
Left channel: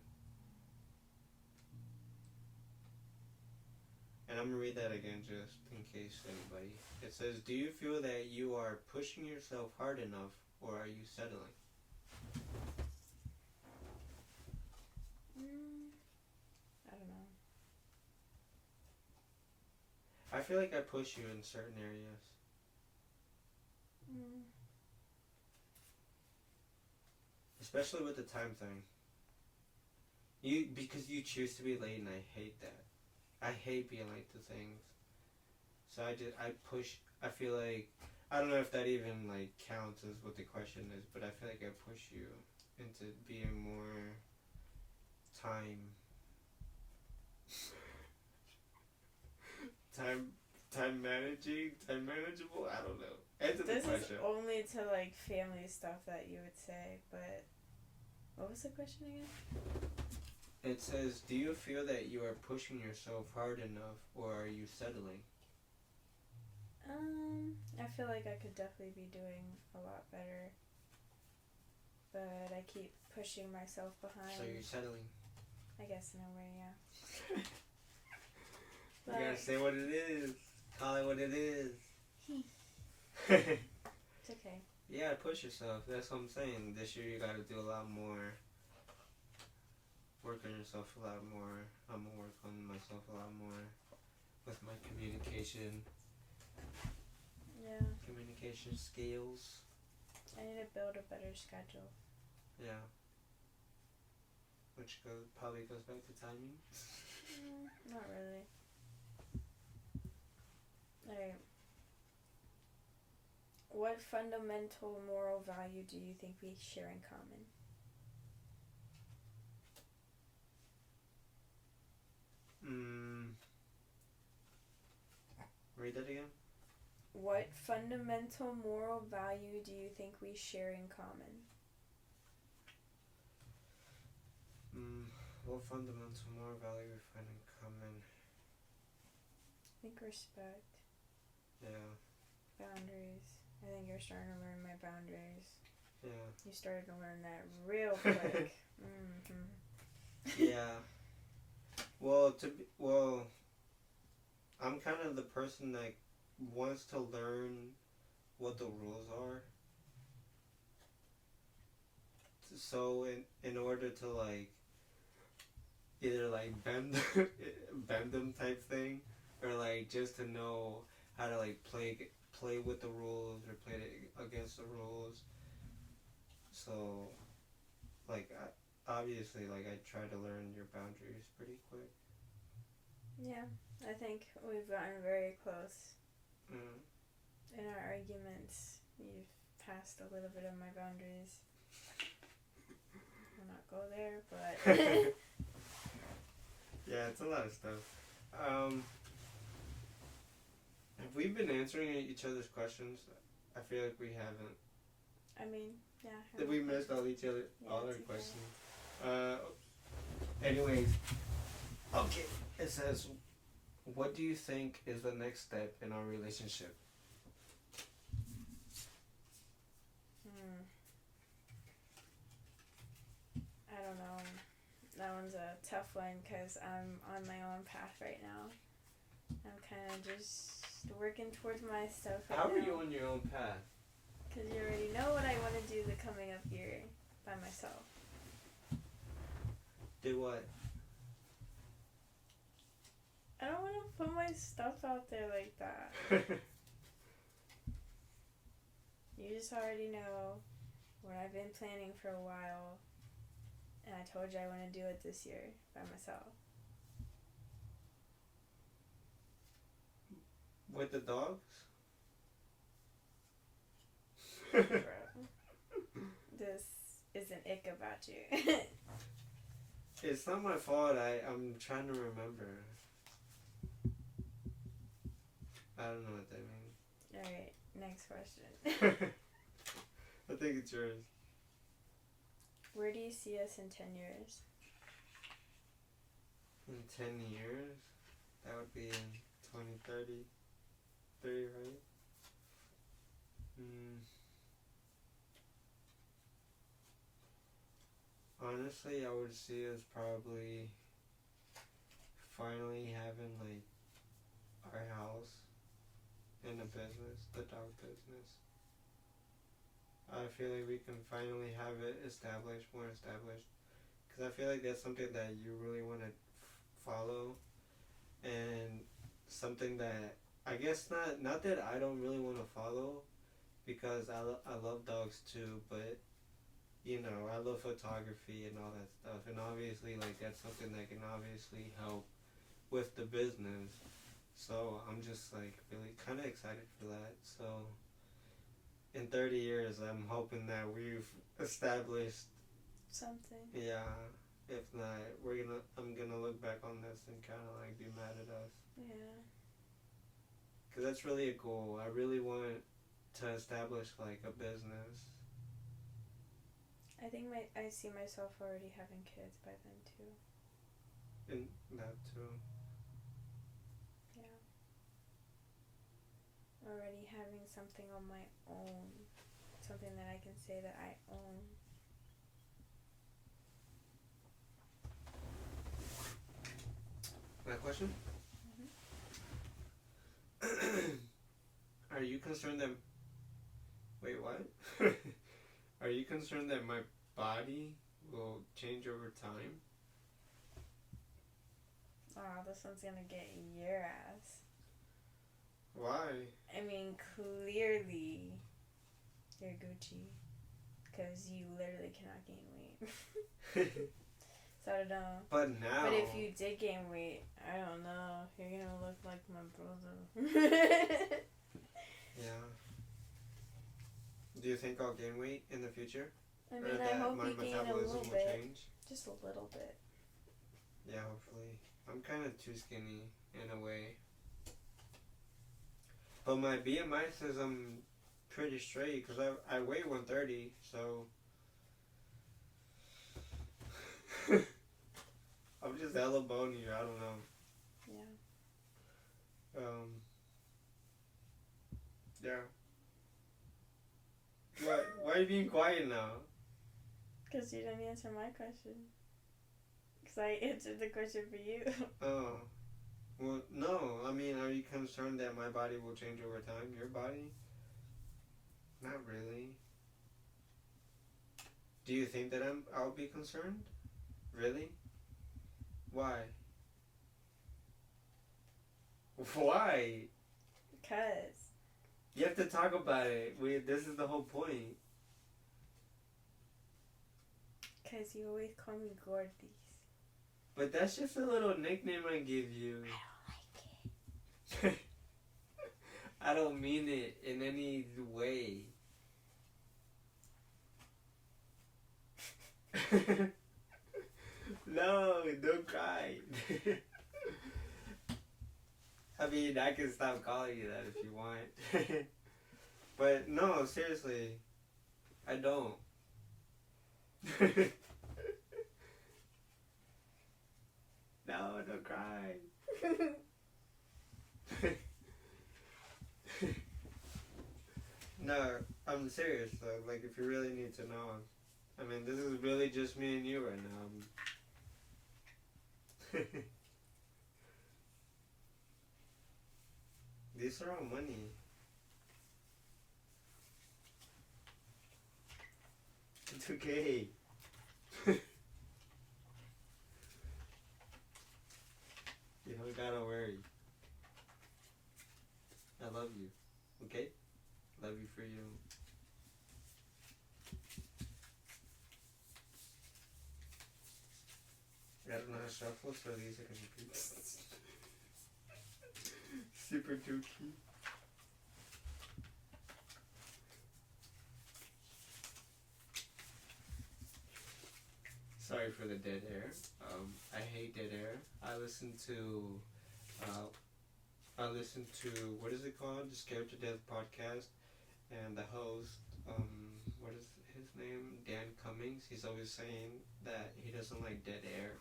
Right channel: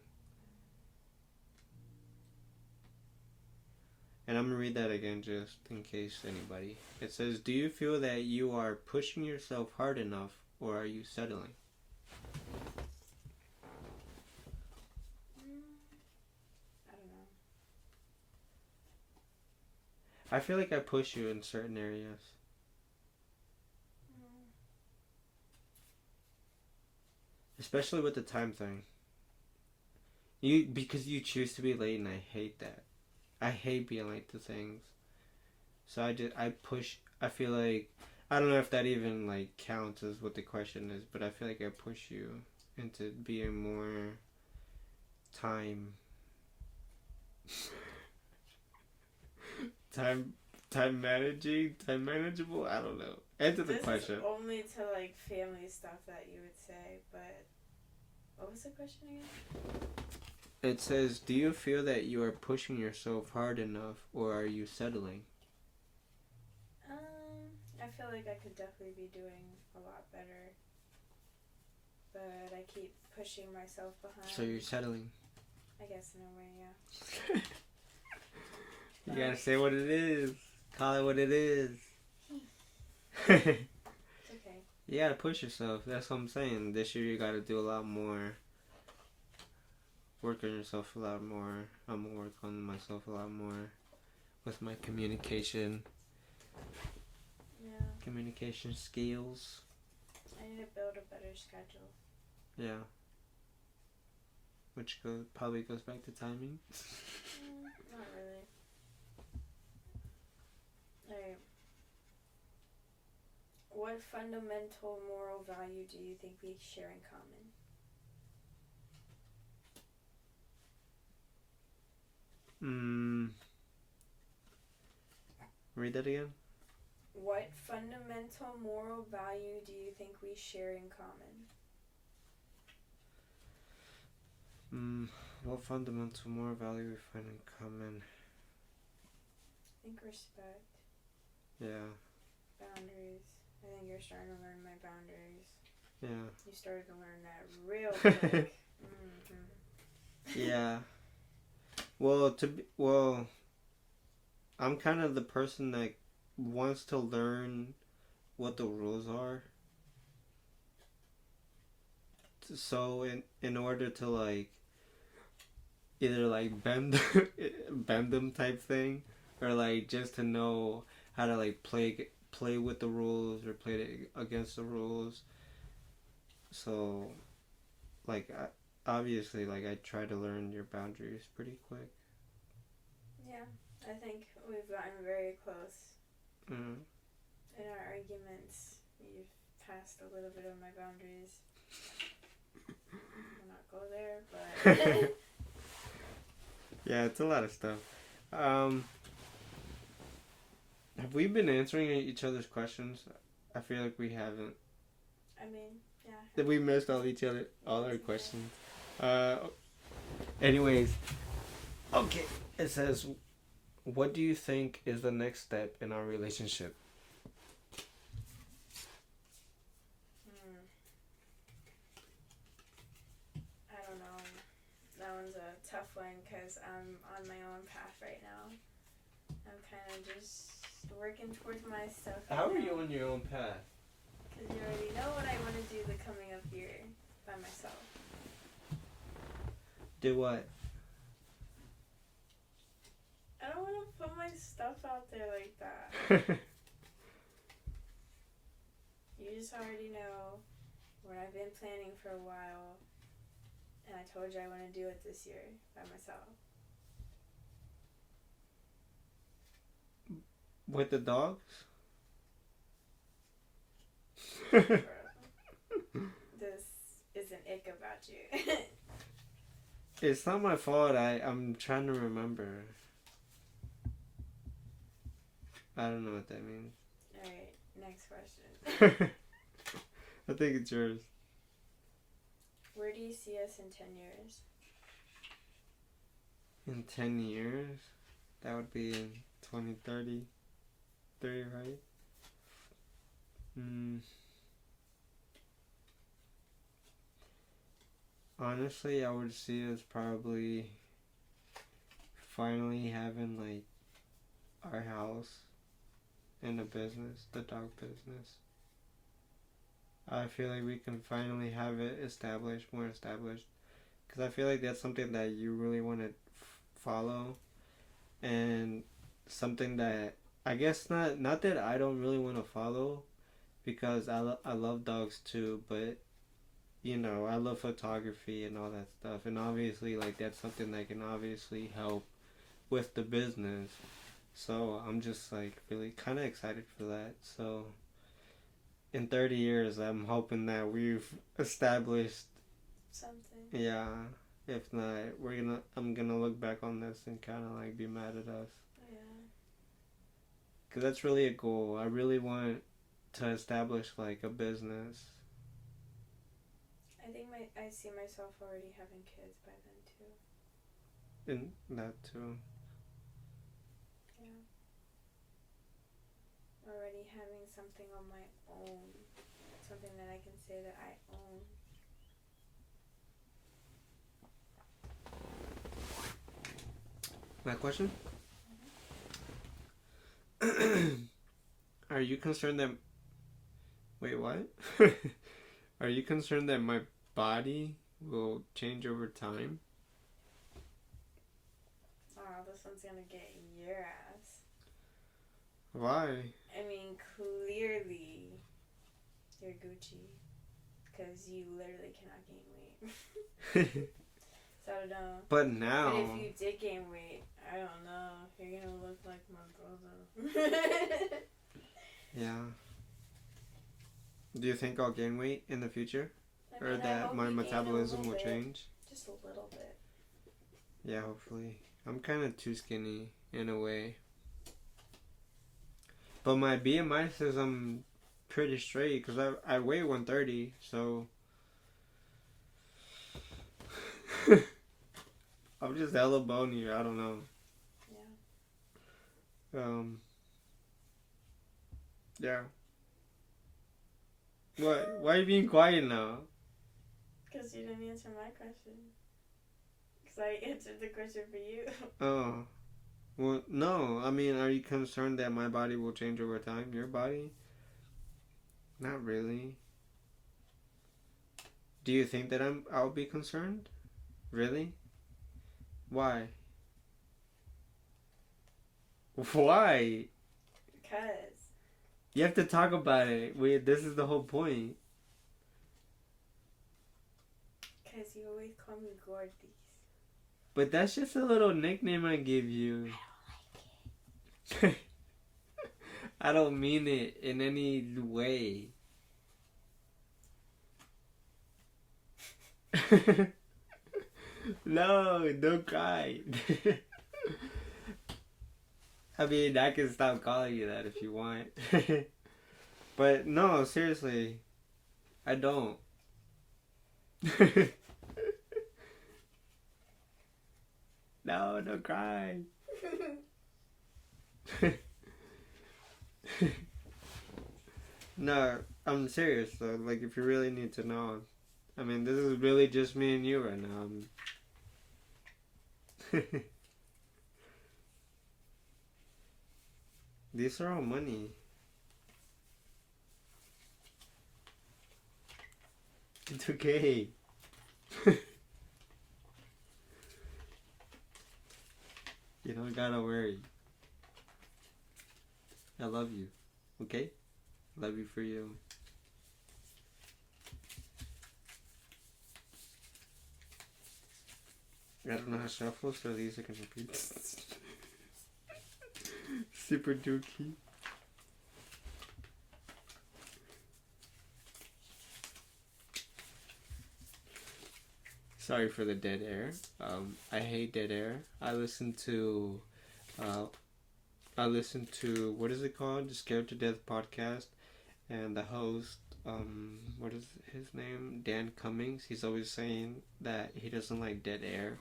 And I'm going to read that again just in case anybody. It says, do you feel that you are pushing yourself hard enough, or are you settling? I don't know. I feel like I push you in certain areas. Especially with the time thing. Because you choose to be late, and I hate that. I hate being late to things. So I push. I feel like, I don't know if that even like counts as what the question is, but I feel like I push you into being more time manageable. I don't know. Answer the question. This is only to like family stuff that you would say, but what was the question again? It says, do you feel that you are pushing yourself hard enough, or are you settling? I feel like I could definitely be doing a lot better, but I keep pushing myself behind. So you're settling? I guess in a way, yeah. You gotta say what it is. Call it what it is. It's okay. You gotta push yourself. That's what I'm saying. This year you gotta do a lot more. Work on yourself a lot more. I'm gonna work on myself a lot more with my communication. Yeah. Communication skills. I need to build a better schedule. Yeah. Which probably goes back to timing. Not really. Alright. What fundamental moral value do you think we share in common? Read that again. What fundamental moral value do you think we share in common? What fundamental moral value we find in common? I think respect. Yeah. Boundaries. I think you're starting to learn my boundaries. Yeah. You started to learn that real quick. Yeah. Well, I'm kind of the person that wants to learn what the rules are. So in order to like either like bend them type thing, or like just to know how to like play with the rules or play against the rules. So like obviously like I try to learn your boundaries pretty quick. Yeah, I think we've gotten very close. Mm-hmm. In our arguments, you've passed a little bit of my boundaries. We'll not go there, but yeah, it's a lot of stuff. Have we been answering each other's questions? I feel like we haven't. I mean, yeah. That we missed all our questions. Anyways, okay. It says, what do you think is the next step in our relationship? I don't know. That one's a tough one because I'm on my own path right now. I'm kind of just working towards my stuff. How are you on your own path? Because you already know what I want to do the coming up year by myself. Do what? I don't want to put my stuff out there like that. You just already know what I've been planning for a while. And I told you I want to do it this year by myself. With the dogs? Bro, this is an ick about you. It's not my fault. I'm trying to remember. I don't know what that means. Alright, next question. I think it's yours. Where do you see us in 10 years? In 10 years? That would be in 2030. 30, right? Honestly, I would see us probably finally having like our house and a business, the dog business. I feel like we can finally have it established, more established, because I feel like that's something that you really want to follow, and something that I guess not that I don't really want to follow, because I love dogs too, but you know, I love photography and all that stuff, and obviously like that's something that can obviously help with the business. So I'm just like really kind of excited for that. So in 30 years, I'm hoping that we've established something. Yeah. If not, I'm gonna look back on this and kind of like be mad at us. Yeah. Cause that's really a goal. I really want to establish like a business. I think I see myself already having kids by then too. And that too. Yeah. Already having something on my own. Something that I can say that I own. My question? Mm-hmm. Are you concerned that... Wait, what? Are you concerned that my body will change over time? Oh, this one's gonna get your ass. Why? I mean, clearly, you're Gucci. Because you literally cannot gain weight. So I don't know. But now... But if you did gain weight, I don't know. You're gonna look like my brother. Yeah. Do you think I'll gain weight in the future? I mean, or that my metabolism will change? Just a little bit. Yeah, hopefully. I'm kind of too skinny in a way. But my BMI says I'm pretty straight because I weigh 130, so... I'm just hella bony, I don't know. Yeah. Yeah. What? Why are you being quiet now? Because you didn't answer my question. Because I answered the question for you. Oh. Well, no. I mean, are you concerned that my body will change over time? Your body? Not really. Do you think that I'll be concerned? Really? Why? Why? Because. You have to talk about it. This is the whole point. Because you always call me Gordis. But that's just a little nickname I give you. I don't like it. I don't mean it in any way. No, don't cry. I mean, I can stop calling you that if you want. But no, seriously. I don't. No, don't cry. No, I'm serious though. Like, if you really need to know, I mean, this is really just me and you right now. These are all money. It's okay. You don't gotta worry. I love you. Okay? Love you for you. I don't know how to shuffle, so these are gonna be super dookie. Sorry for the dead air. I hate dead air. I listen to what is it called? The Scared to Death podcast, and the host, what is his name? Dan Cummings. He's always saying that he doesn't like dead air.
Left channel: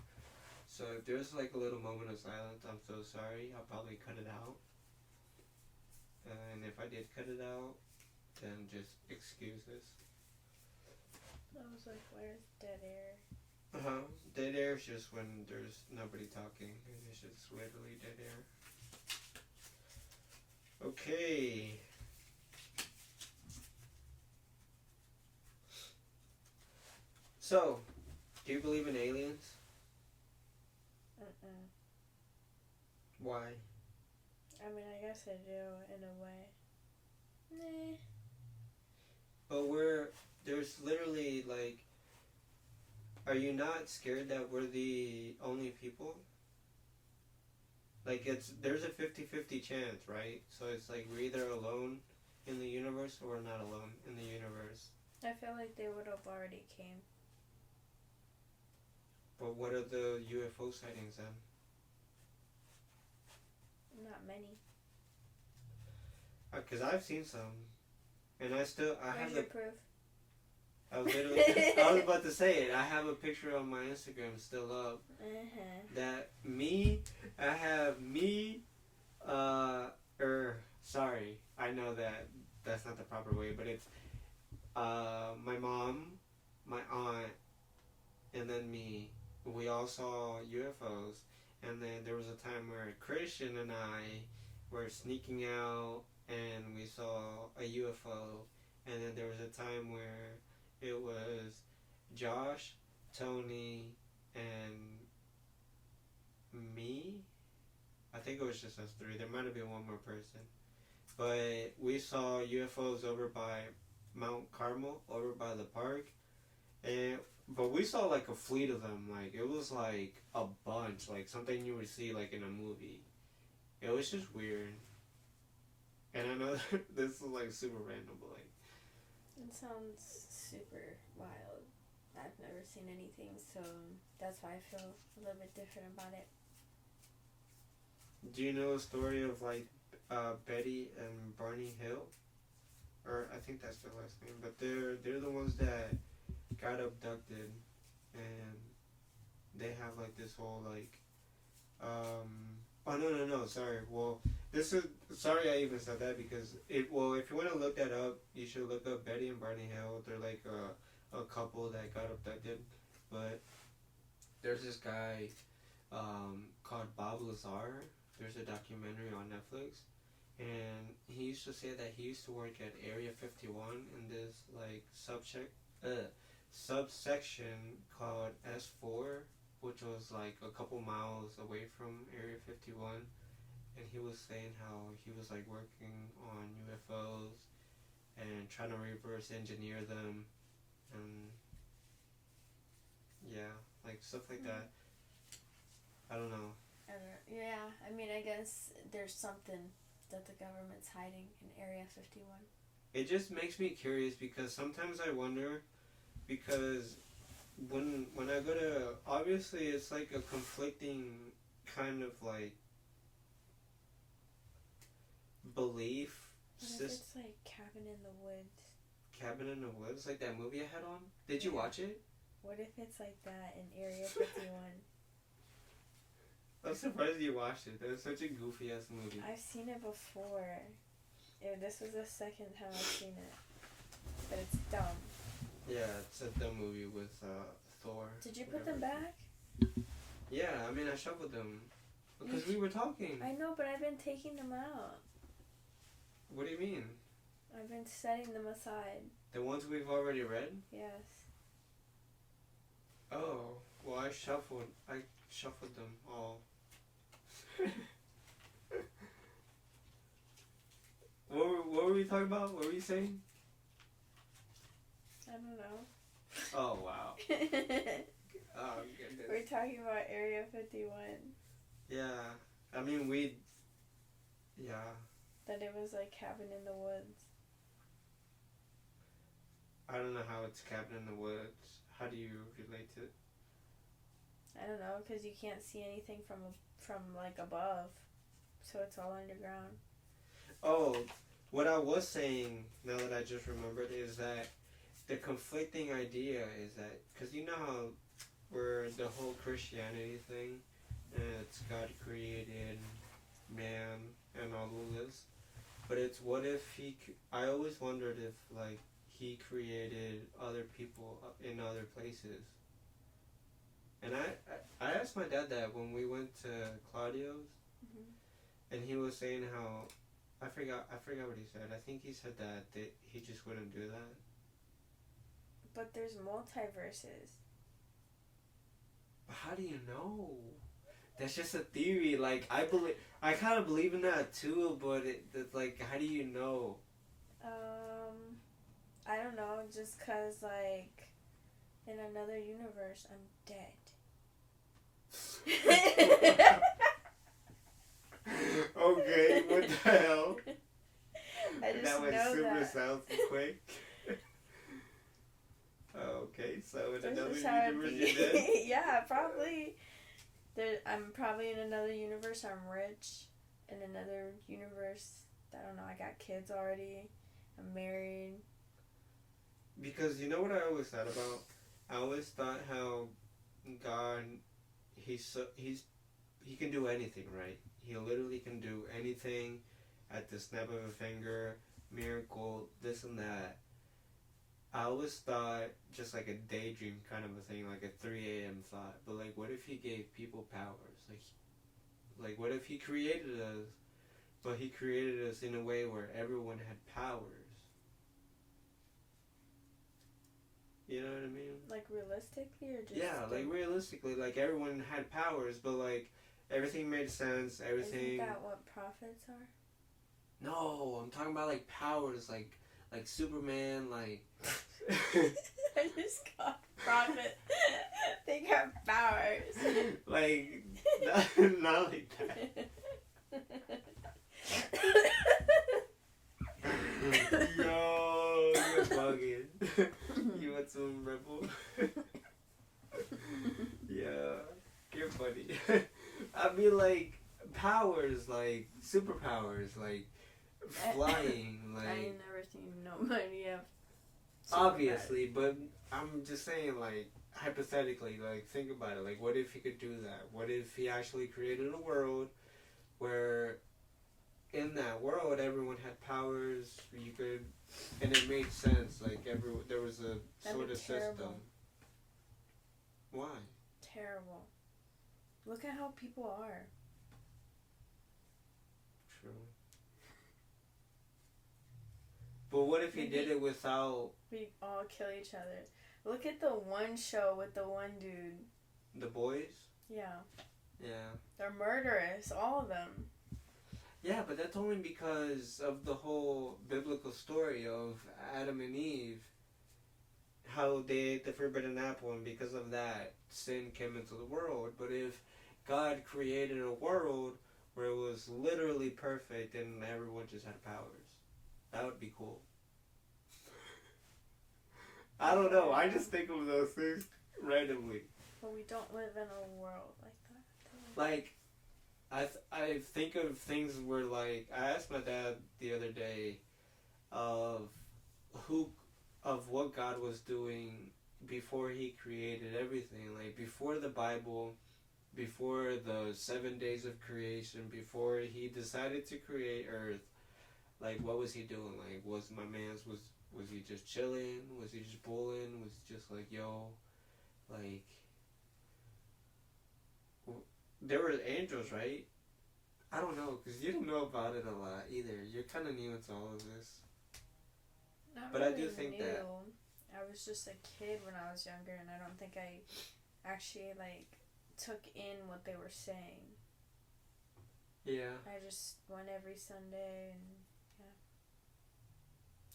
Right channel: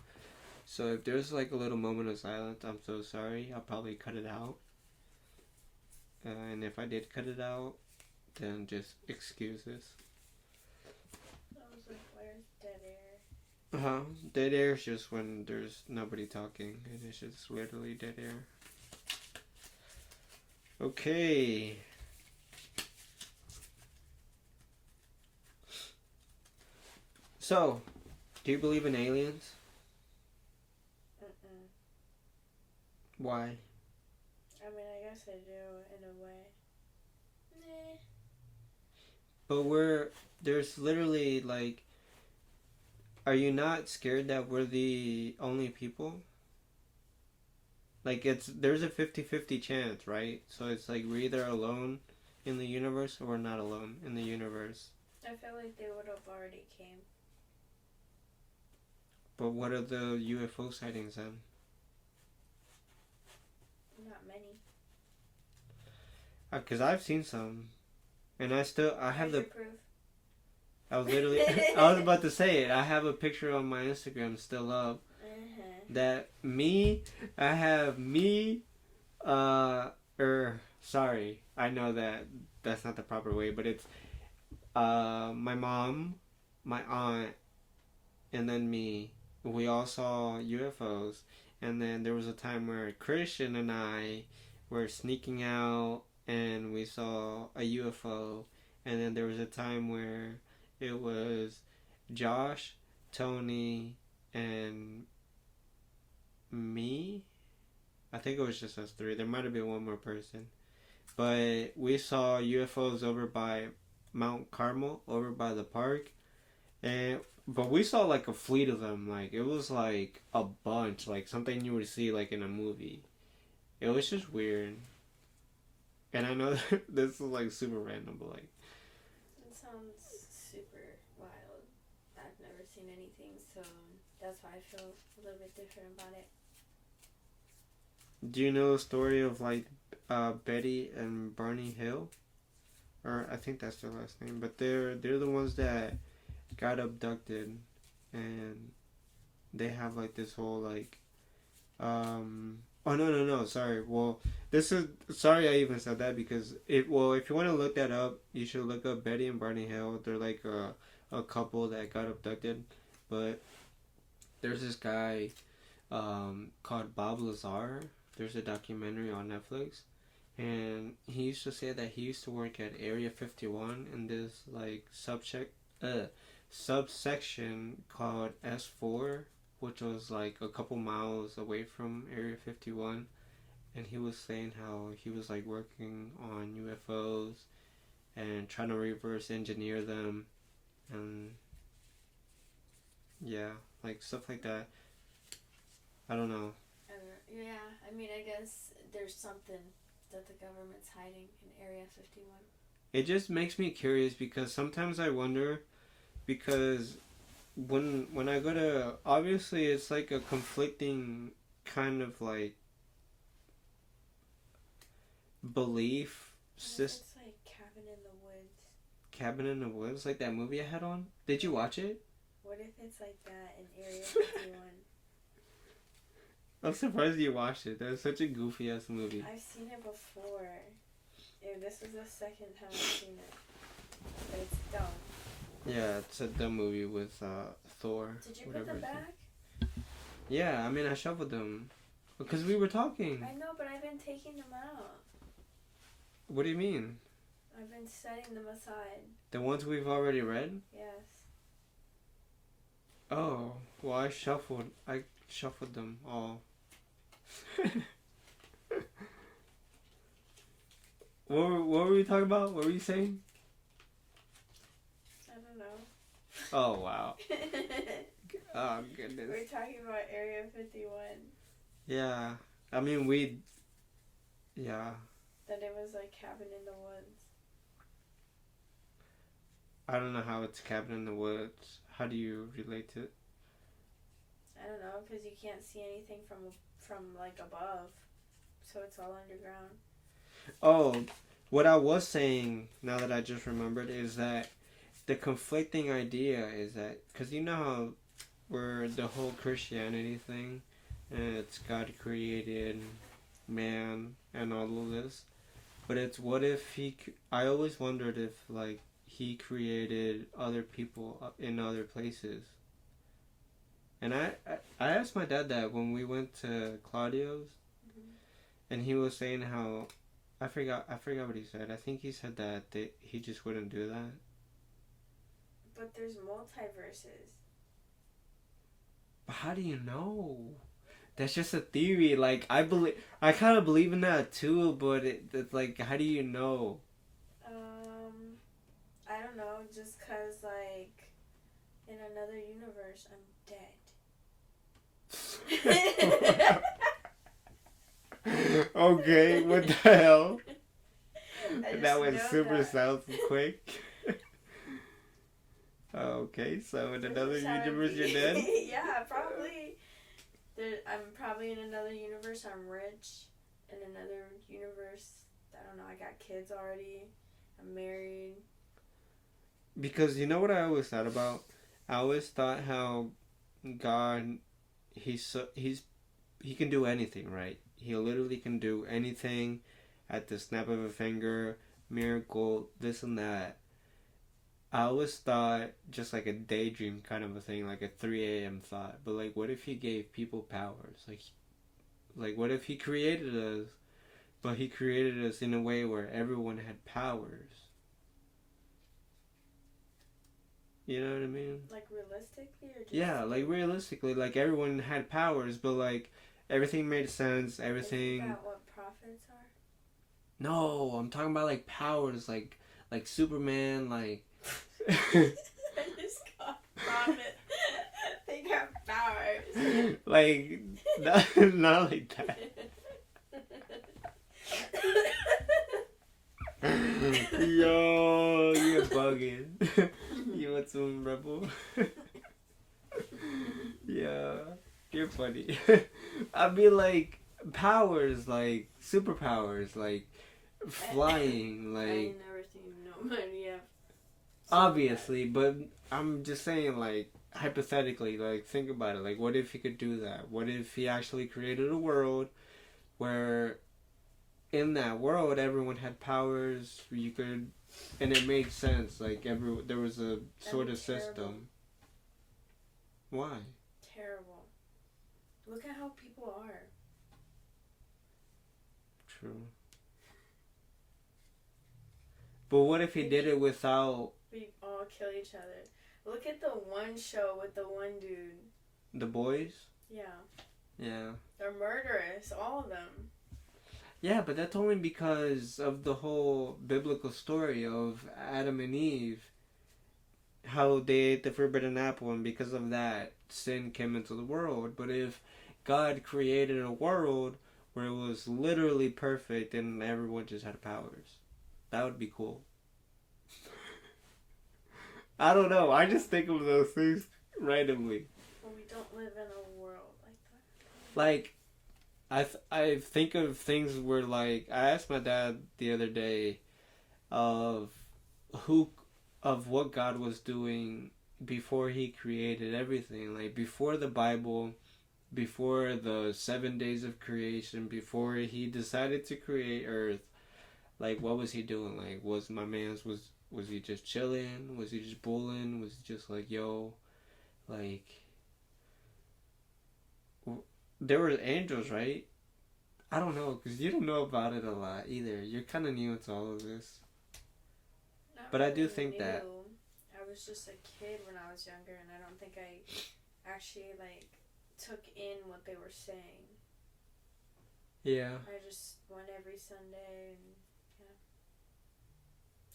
So if there's like a little moment of silence, I'm so sorry. I'll probably cut it out. And if I did cut it out, then just excuse this. I was like, where's dead air? Dead air is just when there's nobody talking, and it's just literally dead air. Okay. So, do you believe in aliens? Mm-mm. Why? I mean, I guess I do, in a way. Nah. But there's literally like, are you not scared that we're the only people? Like, there's a 50-50 chance, right? So it's like we're either alone in the universe or we're not alone in the universe. I feel like they would have already came. But what are the UFO sightings then? Not many. Because I've seen some. And I have the proof. I was about to say it. I have a picture on my Instagram still up. That sorry, I know that's not the proper way, but it's my mom, my aunt, and then me. We all saw UFOs, and then there was a time where Christian and I were sneaking out and we saw a UFO, and then there was a time where it was Josh, Tony, and me. I think it was just us three. There might have been one more person. But we saw UFOs over by Mount Carmel, over by the park. But we saw like a fleet of them. Like, it was like a bunch. Like something you would see like in a movie. It was just weird. And I know that this is like super random, but like... It sounds super wild. I've never seen anything, so that's why I feel a little bit different about it. Do you know the story of like Betty and Barney Hill? Or I think that's their last name. But they're the ones that got abducted, and they have like this whole like oh no, sorry. Well, sorry I even said that, because if you want to look that up, you should look up Betty and Barney Hill. They're like a couple that got abducted, but there's this guy called Bob Lazar. There's a documentary on Netflix, and he used to say that he used to work at Area 51 in this like subsection called S4, which was like a couple miles away from Area 51, and he was saying how he was like working on UFOs and trying to reverse engineer them, and yeah, like stuff like that. I don't know. Yeah, I mean, I guess there's something that the government's hiding in Area 51. It just makes me curious, because sometimes I wonder, because when I go to, obviously it's like a conflicting kind of like belief system. It's like Cabin in the Woods. Cabin in the Woods, like that movie I had on. Did you watch it? What if it's like that in Area 51? I'm surprised you watched it. That was such a goofy ass movie. I've seen it before. This was the second time I've seen it. But it's dumb. Yeah, it's a dumb movie with Thor. Did you put them back? Yeah, I mean I shuffled them. Because we were talking. I know, but I've been taking them out. What do you mean? I've been setting them aside. The ones we've already read? Yes. Oh, well I shuffled them all. What were we talking about? What were you saying? I don't know. Oh, wow. Oh, goodness. We're talking about Area 51. Yeah. I mean, yeah. That it was like Cabin in the Woods. I don't know how it's Cabin in the Woods. How do you relate to it? I don't know, because you can't see anything from like above. So it's all underground. Oh, what I was saying, now that I just remembered, is that the conflicting idea is that, because you know how we're the whole Christianity thing, and it's God created man and all of this, but it's what if I always wondered if, like, he created other people in other places. And I asked my dad that when we went to Claudio's, and he was saying how, I forgot what he said. I think he said that he just wouldn't do that. But there's multiverses. But how do you know? That's just a theory. Like, I kind of believe in that too, but it's like, how do you know? I don't know, just 'cause, like, in another universe, I'm dead. Okay, what the hell? That went know super that. south quick. Okay, so in another universe you're dead? Yeah, probably. I'm probably in another universe, I'm rich. In another universe, I don't know, I got kids already. I'm married. Because you know what I always thought about? I always thought how God, he can do anything, right? He literally can do anything at the snap of a finger, miracle, this and that. I always thought just like a daydream kind of a thing, like a 3 a.m. thought. But like, what if he gave people powers? Like what if he created us, but he created us in a way where everyone had powers? You know what I mean? Like realistically or just... Yeah, like realistically, like everyone had powers, but like everything made sense, everything... Isn't that what prophets are? No, I'm talking about like powers, like Superman, like... I just got prophet. They got powers. Like, not like that. Yo, you're bugging. You want some Rebel? Yeah, you're funny. I mean, like, powers, like, superpowers, like, flying, like... I ain't never seen nobody have... Obviously, but I'm just saying, like, hypothetically, like, think about it. Like, what if he could do that? What if he actually created a world where... in that world, everyone had powers. You could, and it made sense. Like there was a sort of system. Why? Terrible. Look at how people are. True. But what if he did it without? We all kill each other. Look at the one show with the one dude. The boys? Yeah. Yeah. They're murderous, all of them. Yeah, but that's only because of the whole biblical story of Adam and Eve. How they ate the forbidden apple, and because of that, sin came into the world. But if God created a world where it was literally perfect and everyone just had powers, that would be cool. I don't know. I just think of those things randomly. But we don't live in a world like that. Like, I think of things where, like, I asked my dad the other day of what God was doing before he created everything. Like, before the Bible, before the 7 days of creation, before he decided to create Earth, like, what was he doing? Like, was my man's, was he just chilling? Was he just bullying? Was he just like, yo, like, there were angels, right? I don't know, because you don't know about it a lot either. You're kind of new to all of this. Not But I do really think new. that... I was just a kid when I was younger, and I don't think I actually, like, took in what they were saying. Yeah. I just went every Sunday, and, yeah.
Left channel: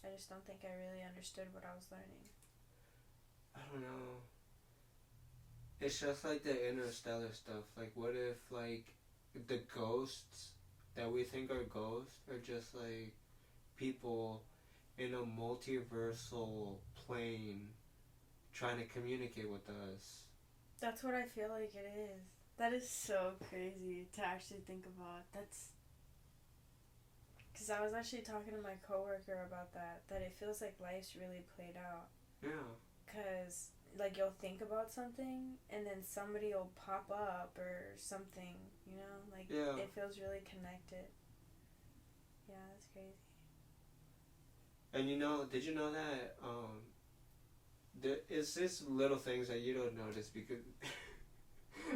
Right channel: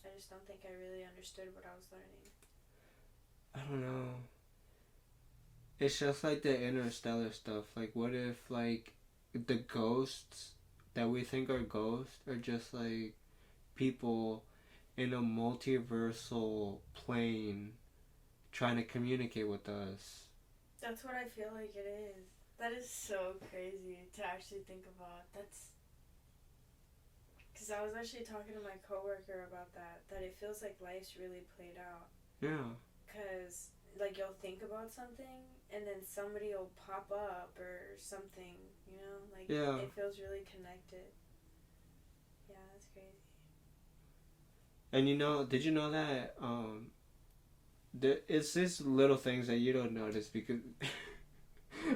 I just don't think I really understood what I was learning. I don't know. It's just like the interstellar stuff. Like, what if, like, the ghosts that we think are ghosts are just, like, people in a multiversal plane trying to communicate with us? That's what I feel like it is. That is so crazy to actually think about. That's... Because I was actually talking to my coworker about that it feels like life's really played out. Yeah. Because, like, you'll think about something, and then somebody will pop up or something, you know? Like, yeah. It feels really connected. Yeah, that's crazy. And did you know that, it's just little things that you don't notice because...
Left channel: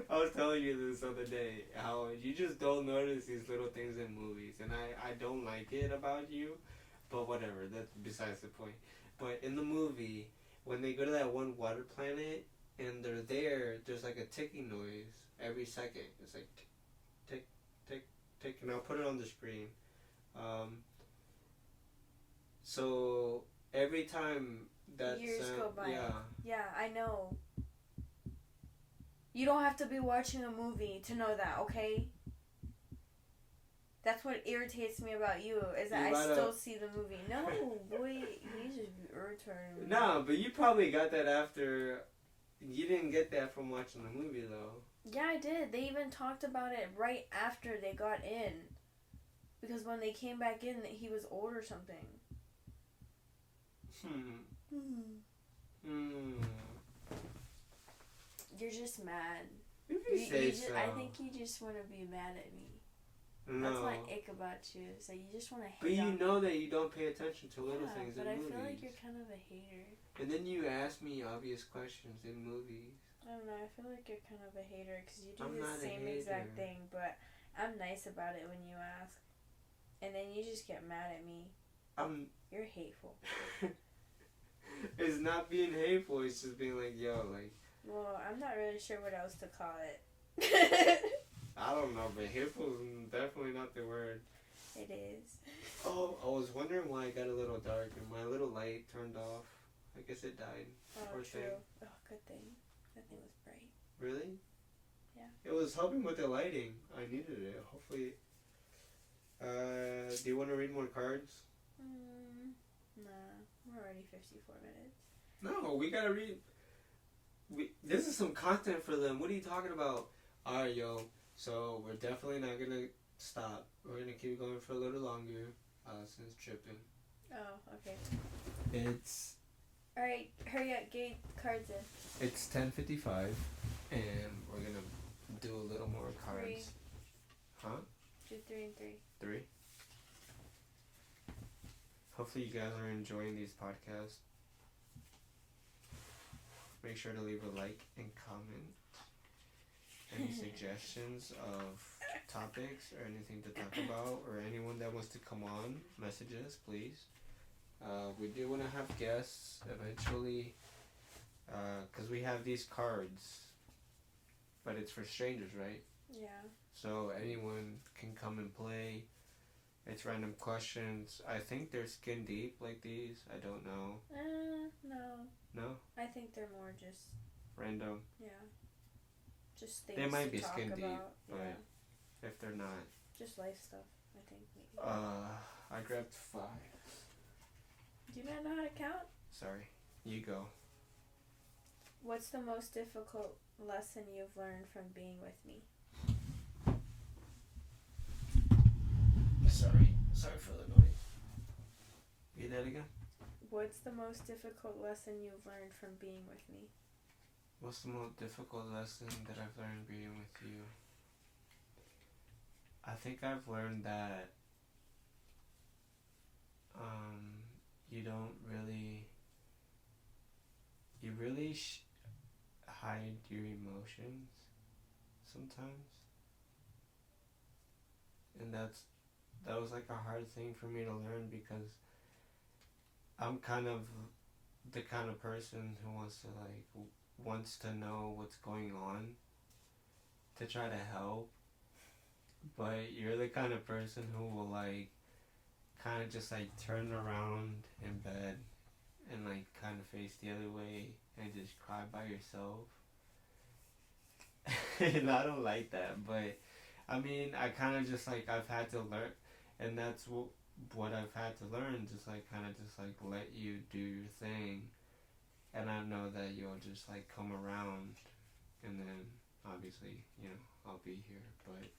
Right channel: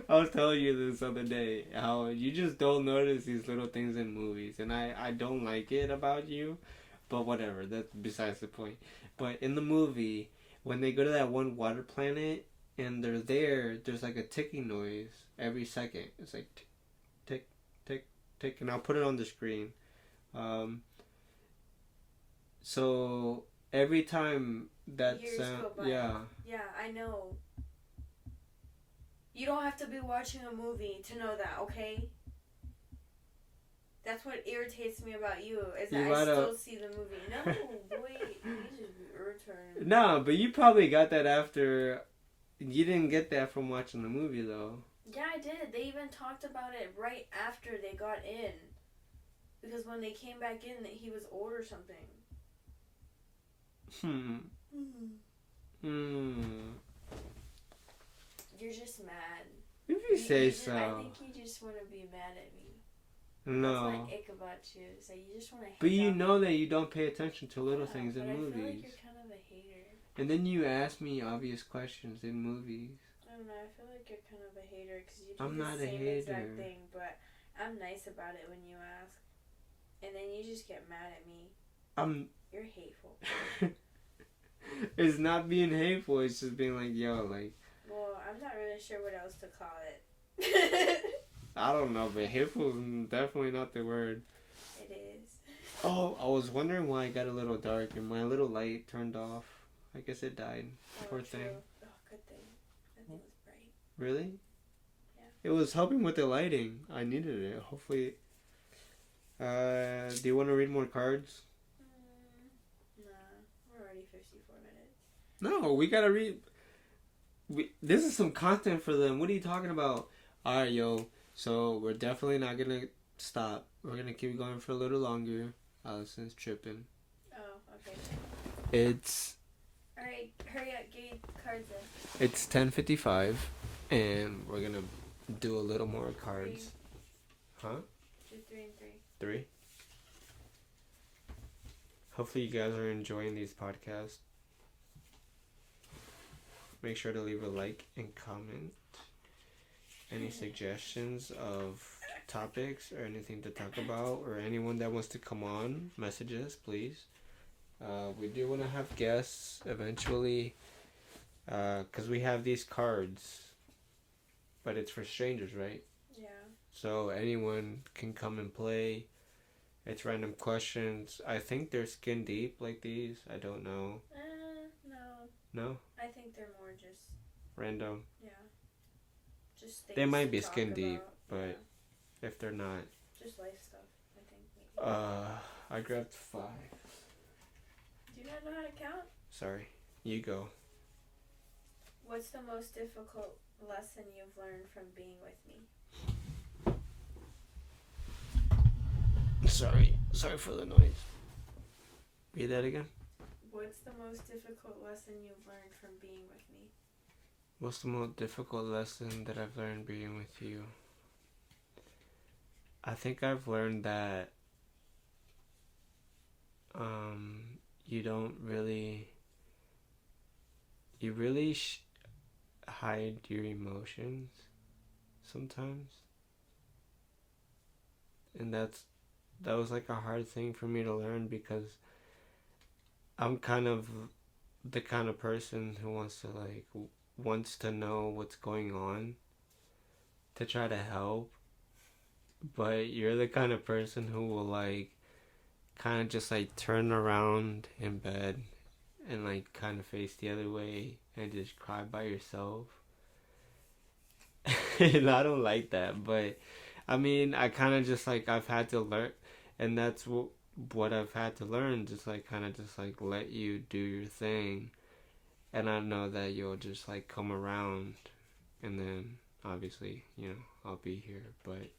I was telling you this other day, how you just don't notice these little things in movies, and I don't like it about you, but whatever, that's besides the point. But in the movie, when they go to that one water planet, and they're there's like a ticking noise every second. It's like tick, tick, tick, tick, and I'll put it on the screen. So every time that Years sound, go by. yeah. Yeah, I know. You don't have to be watching a movie to know that, okay? That's what irritates me about you, is that I still see the movie. No, boy, you just irritating. No, but you probably got that after... You didn't get that from watching the movie, though. Yeah, I did. They even talked about it right after they got in. Because when they came back in, he was old or something. You're just mad. If you say so. I think you just want to be mad at me. No. That's my ick about you. So you just want to hate. But you know that you don't pay attention to little things in movies. I feel like you're kind of a hater. And then you ask me obvious questions in movies. I don't know. I feel like you're kind of a hater because you do the same exact thing. But I'm nice about it when you ask. And then you just get mad at me. You're hateful. It's not being hateful. It's just being like, yo, like... Well, I'm not really sure what else to call it. I don't know, but hateful is definitely not the word. It is. Oh, I was wondering why it got a little dark and my little light turned off. I guess it died. Poor thing. Oh, good thing. That thing was bright. Really? Yeah. It was helping with the lighting. I needed it. Hopefully. Do you want to read more cards? Nah. We're already 54 minutes. No, we gotta read... this is some content for them. What are you talking about? Alright, yo. So, we're definitely not gonna stop. We're gonna keep going for a little longer. Allison's tripping. Oh, okay. It's... Alright, hurry up. Get cards in. It's 10:55, and we're gonna do a little more cards. 3. Huh? Do 3 and 3. 3? Hopefully you guys are enjoying these podcasts. Make sure to leave a like and comment. Any suggestions of topics or anything to talk about, or anyone that wants to come on, message us, please. We do want to have guests eventually, because we have these cards, but it's for strangers, right? Yeah. So anyone can come and play. It's random questions. I think they're skin deep like these. I don't know. No. No? I think they're more just... Random. Yeah. Just things They might to be talk skin deep, about. but yeah. if they're not... Just life stuff, I think, maybe. I grabbed 5. Do you not know how to count? Sorry. You go. What's the most difficult lesson you've learned from being with me? Sorry for the noise. Read that again. What's the most difficult lesson you've learned from being with me? What's the most difficult lesson that I've learned being with you? I think I've learned that you don't really, you really hide your emotions sometimes. And that was like a hard thing for me to learn because I'm kind of the kind of person who wants to know what's going on to try to help, but you're the kind of person who will like kind of just like turn around in bed and like kind of face the other way and just cry by yourself. And I don't like that, but I mean, I kind of just like I've had to learn, and that's what I've had to learn, just like kind of just like let you do your thing, and I know that you'll just like come around, and then obviously, I'll be here, but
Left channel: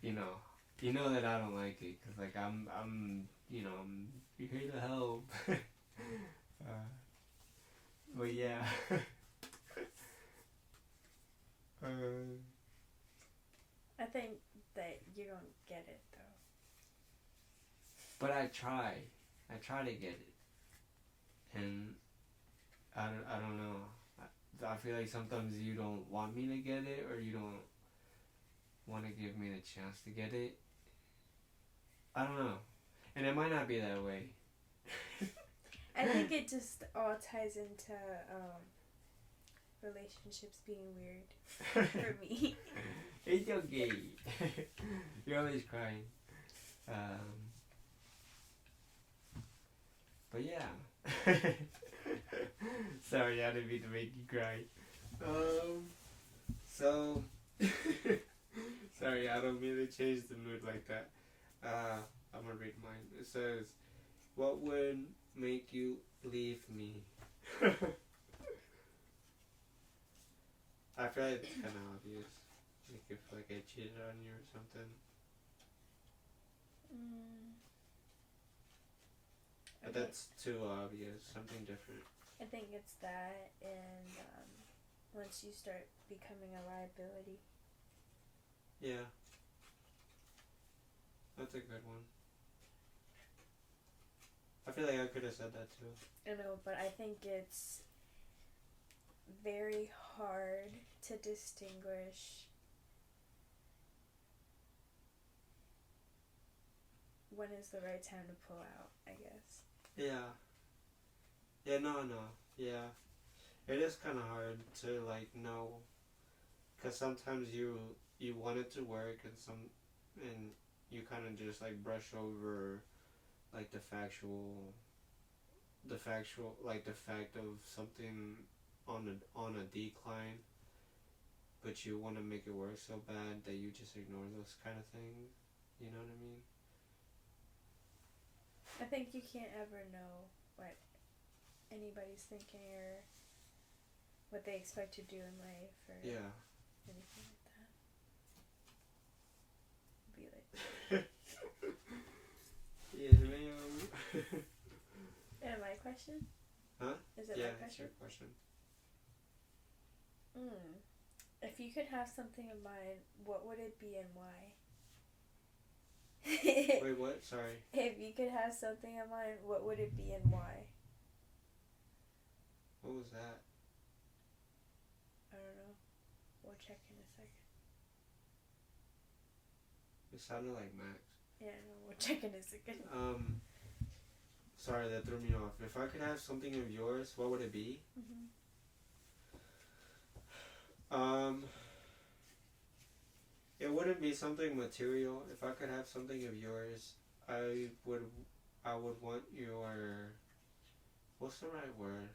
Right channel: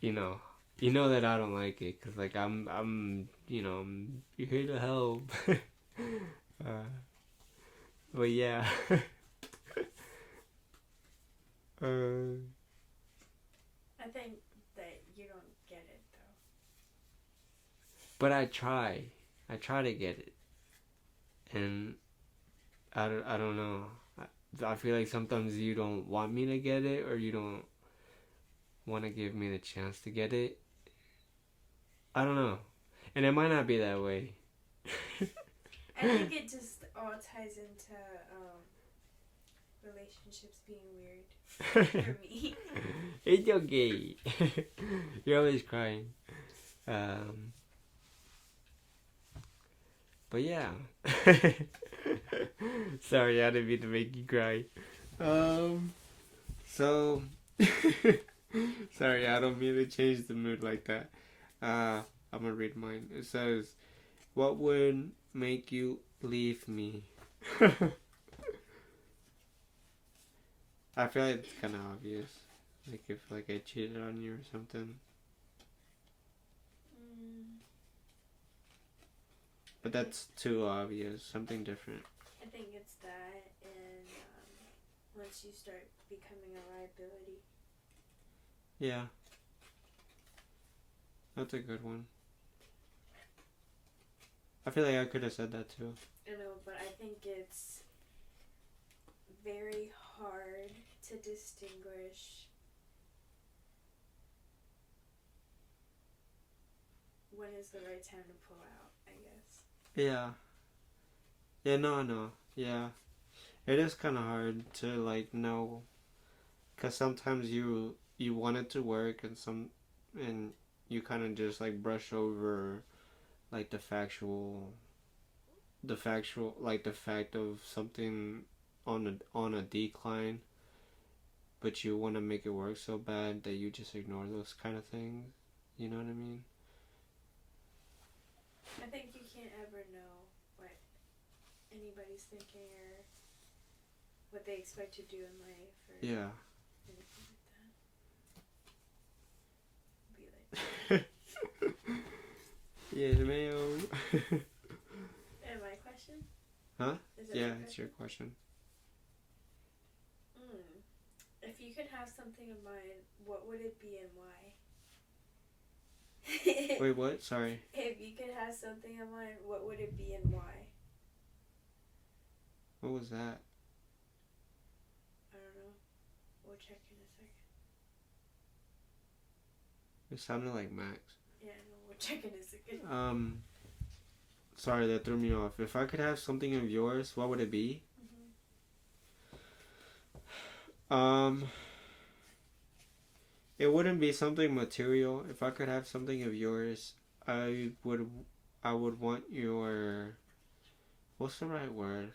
you know, you know that I don't like it, cause like I'm here to help. But yeah. I think that you don't get it though. But I try to get it, and I don't know. I feel like sometimes you don't want me to get it, or you don't want to give me the chance to get it. I don't know, and it might not be that way. I think it just all ties into relationships being weird for me. It's okay. You're always crying. But yeah. Sorry, I didn't mean to make you cry. So sorry, I don't mean to change the mood like that. I'm gonna read mine. It says, "What would make you leave me?" I feel like it's kind of obvious. Like if like I cheated on you or something. But that's too obvious. Something different. I think it's that, and once you start becoming a liability. Yeah. That's a good one. I feel like I could have said that too. I know, but I think it's very hard to distinguish when is the right time to pull out, I guess. Yeah. Yeah, no. Yeah. It is kind of hard to like know, cuz sometimes you want it to work and you kind of just like brush over like the like the fact of something on a decline, but you want to make it work so bad that you just ignore those kind of things. You know what I mean? I think you can't ever know what anybody's thinking or what they expect to do in life or anything like that. Be like, yes, ma'am. yeah, my question? Huh? Is it yeah, it's your question. If you could have something in mind, what would it be and why? Wait, what? Sorry. If you could have something in mind, what would it be and why? What was that? I don't know. We'll check in a second. It sounded like Max. Yeah, I know. We'll check in a second. Sorry, that threw me off. If I could have something of yours, what would it be? It wouldn't be something material. If I could have something of yours, I would want your, what's the right word?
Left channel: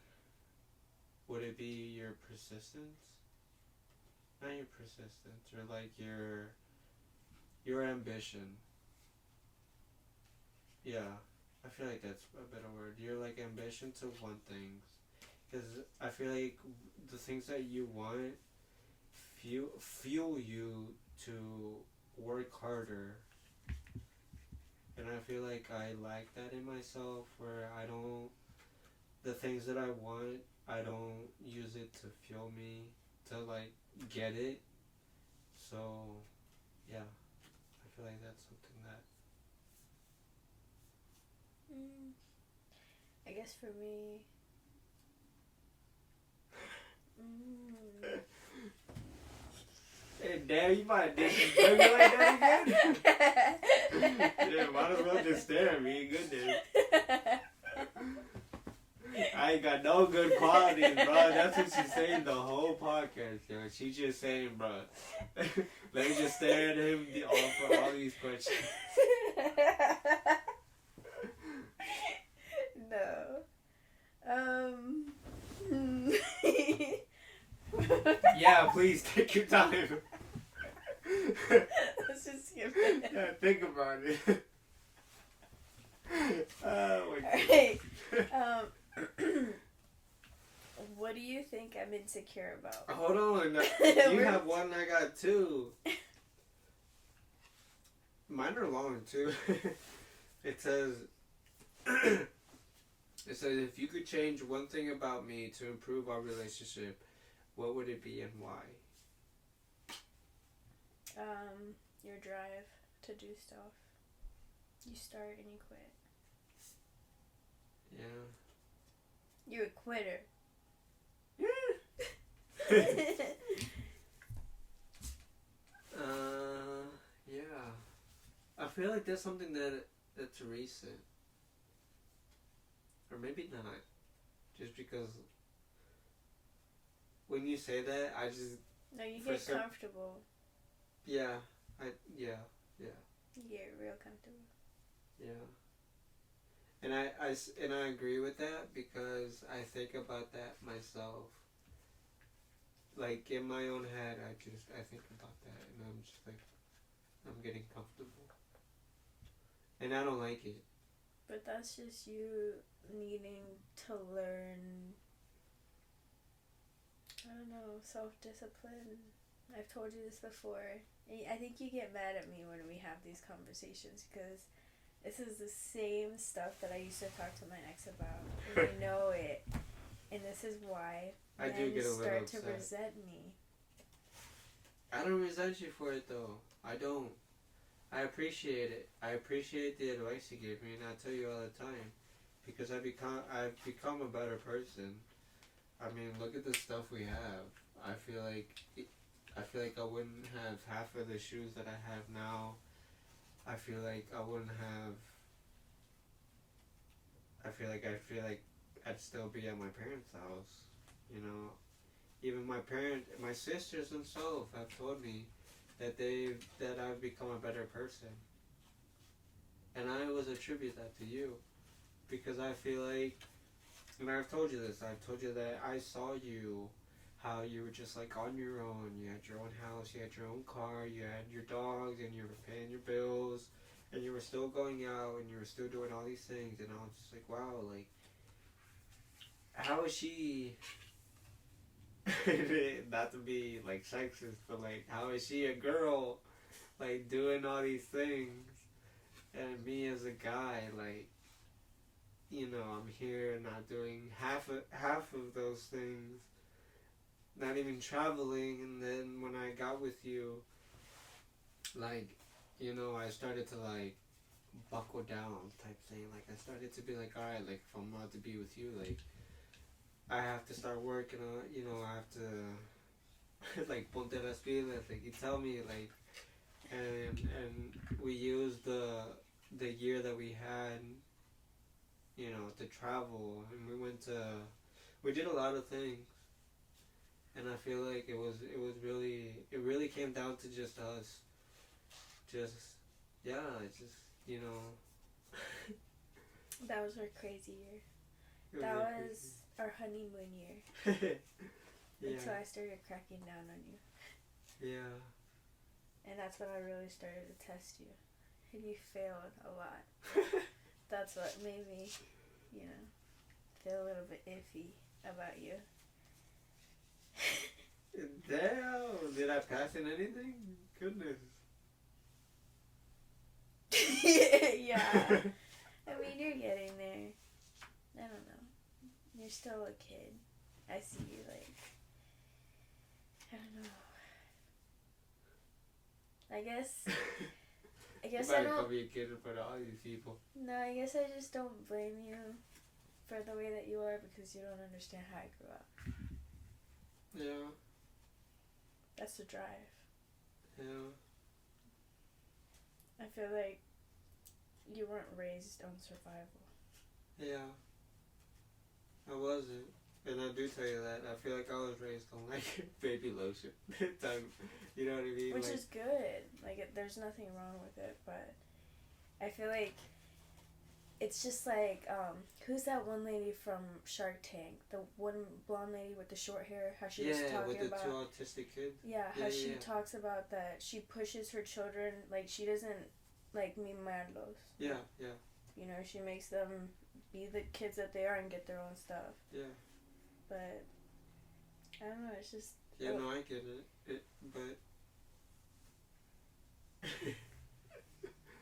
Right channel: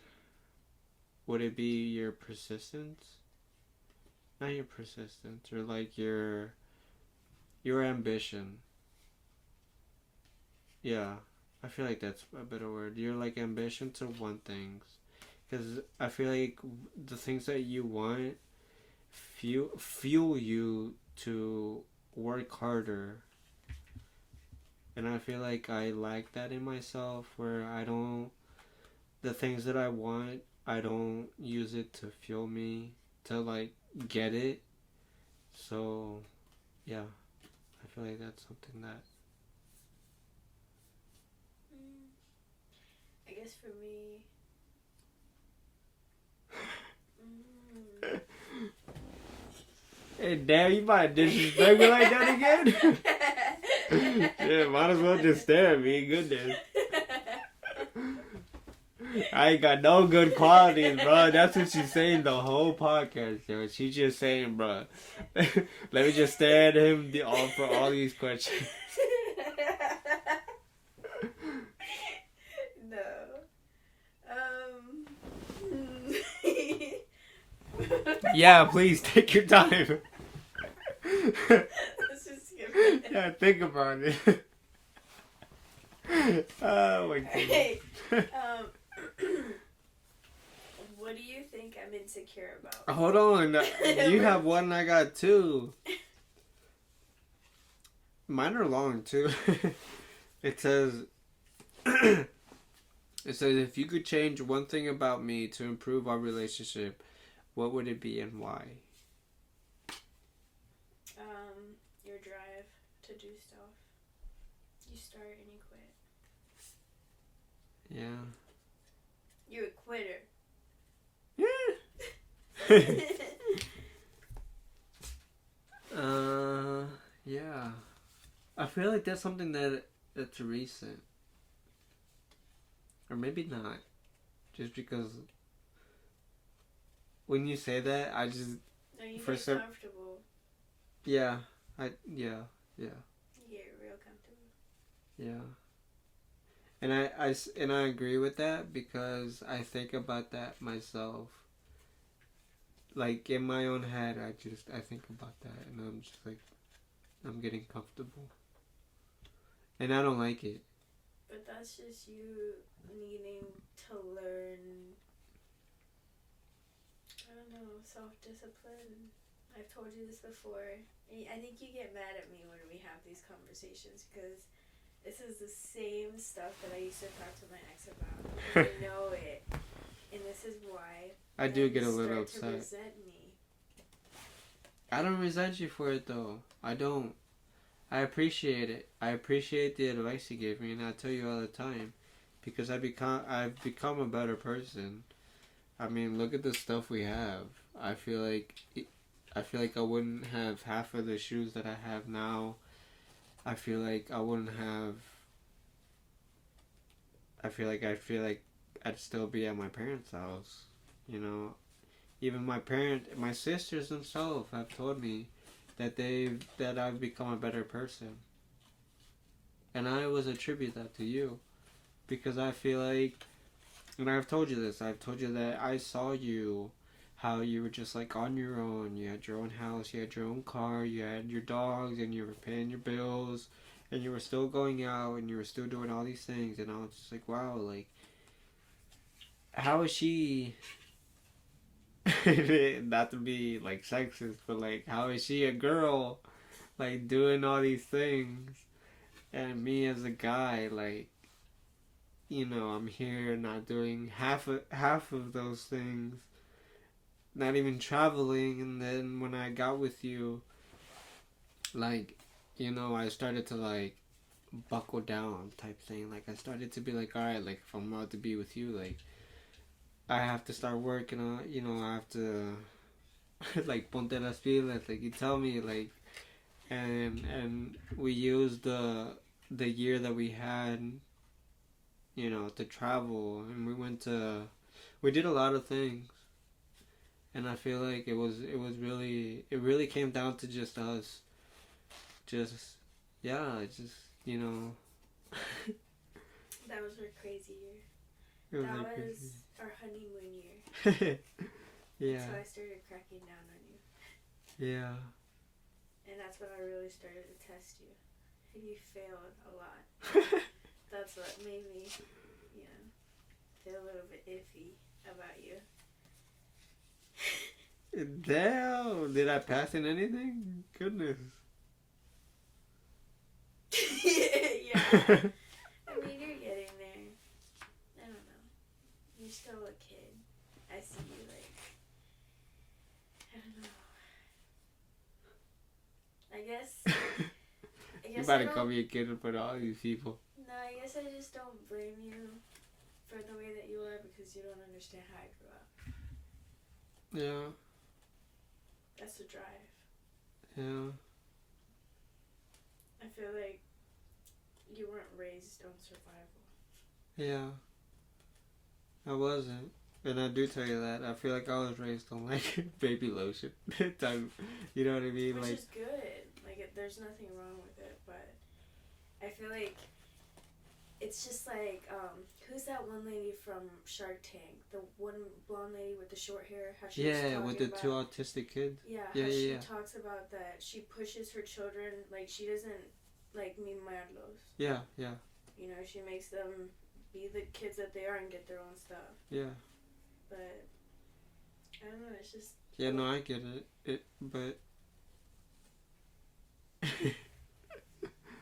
Would it be your persistence? Not your persistence, or like your ambition. Yeah, I feel like that's a better word. Your like ambition to want things, because I feel like the things that you want fuel you to work harder, and I feel like I lack that in myself, where I don't the things that I want, I don't use it to fuel me to like get it. So, yeah, I feel like that's something that. I guess for me. Hey, damn, you might disrespect me like that again? Yeah, might as well just stare at me. Goodness. I ain't got no good qualities, bro. That's what she's saying the whole podcast, yo. She's just saying, bro. Let me just stare at him for all these questions. No. Yeah, please take your time. Let's just skip it. Yeah, think about it. Oh my god. Hey, what do you think I'm insecure about? Hold on. You have one, I got two. Mine are long too. It says if you could change one thing about me to improve our relationship, what would it be and why? Your drive to do stuff. You start and you quit. Yeah. You're a quitter. Yeah. Yeah. I feel like that's something that's recent. Or maybe not. Just because when you say that, I just... No, you get comfortable. Yeah. Yeah. You get real comfortable. Yeah. And I agree with that because I think about that myself. Like in my own head, I think about that and I'm just like, I'm getting comfortable. And I don't like it. But that's just you needing to learn, I don't know, self-discipline. I've told you this before. I think you get mad at me when we have these conversations because this is the same stuff that I used to talk to my ex about. You know it. And this is why I do get a little upset. Start to resent me. I don't resent you for it though. I don't. I appreciate it. I appreciate the advice you gave me, and I tell you all the time, because I've become a better person. I mean, look at the stuff we have. I feel like I wouldn't have half of the shoes that I have now. I feel like I wouldn't have. I feel like I'd still be at my parents' house. You know, even my sisters themselves have told me that I've become a better person. And I always attribute that to you. Because I feel like, and I've told you this, I've told you that I saw you, how you were just like on your own. You had your own house, you had your own car, you had your dogs, and you were paying your bills, and you were still going out, and you were still doing all these things. And I was just like, wow, like, how is she... not to be like sexist, but like how is she a girl like doing all these things and me as a guy, like, you know, I'm here not doing half of those things, not even traveling. And then when I got with you, like, you know, I started to like buckle down type thing. Like I started to be like, alright, like if I'm about to be with you, like I have to start working on, you know, I have to, like, ponte las pilas, like, you tell me, like, and we used the year that we had, you know, to travel, and we did a lot of things, and I feel like it really came down to just us, you know. That was our crazy year. That was our honeymoon year. Yeah. That's why I started cracking down on you. Yeah. And that's when I really started to test you. And you failed a lot. That's what made me, you know, feel a little bit iffy about you. Damn! Did I pass in anything? Goodness. Yeah. I mean, you're getting there. I don't know. you're still a kid. I see you like, I don't know. I guess You about to call me a kid in front of all these people. No, I guess I just don't blame you for the way that you are because you don't understand how I grew up. Yeah. That's the drive. Yeah. I feel like you weren't raised on survival. Yeah. I wasn't. And I do tell you that. I feel like I was raised on, like, baby lotion. You know what I mean? Which like, is good. Like, there's nothing wrong with it, but I feel like it's just like, who's that one lady from Shark Tank? The one blonde lady with the short hair? How she was talking with the about, 2 autistic kids? Yeah, how she talks about that she pushes her children, like, she doesn't, like, mimarlos. Yeah, yeah. You know, she makes them be the kids that they are and get their own stuff. Yeah. But, I don't know, it's just... Yeah, no, I get it. But...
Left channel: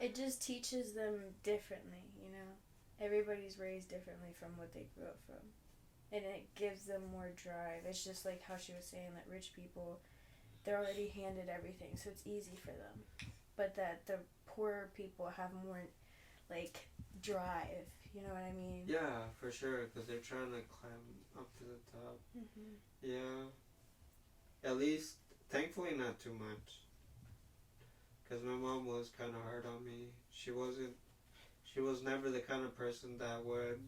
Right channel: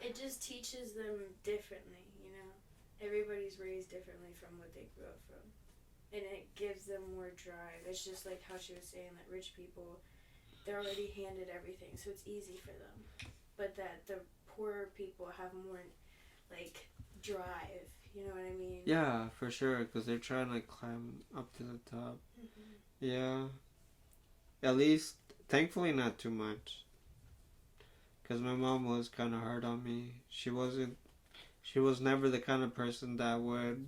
It just teaches them differently, you know? Everybody's raised differently from what they grew up from. And it gives them more drive. It's just like how she was saying that rich people, they're already handed everything, so it's easy for them. But that the poorer people have more, like, drive. You know what I mean? Yeah, for sure, because they're trying to climb up to the top. Mm-hmm. Yeah. At least, thankfully not too much. Because my mom was kind of hard on me. She was never the kind of person that would,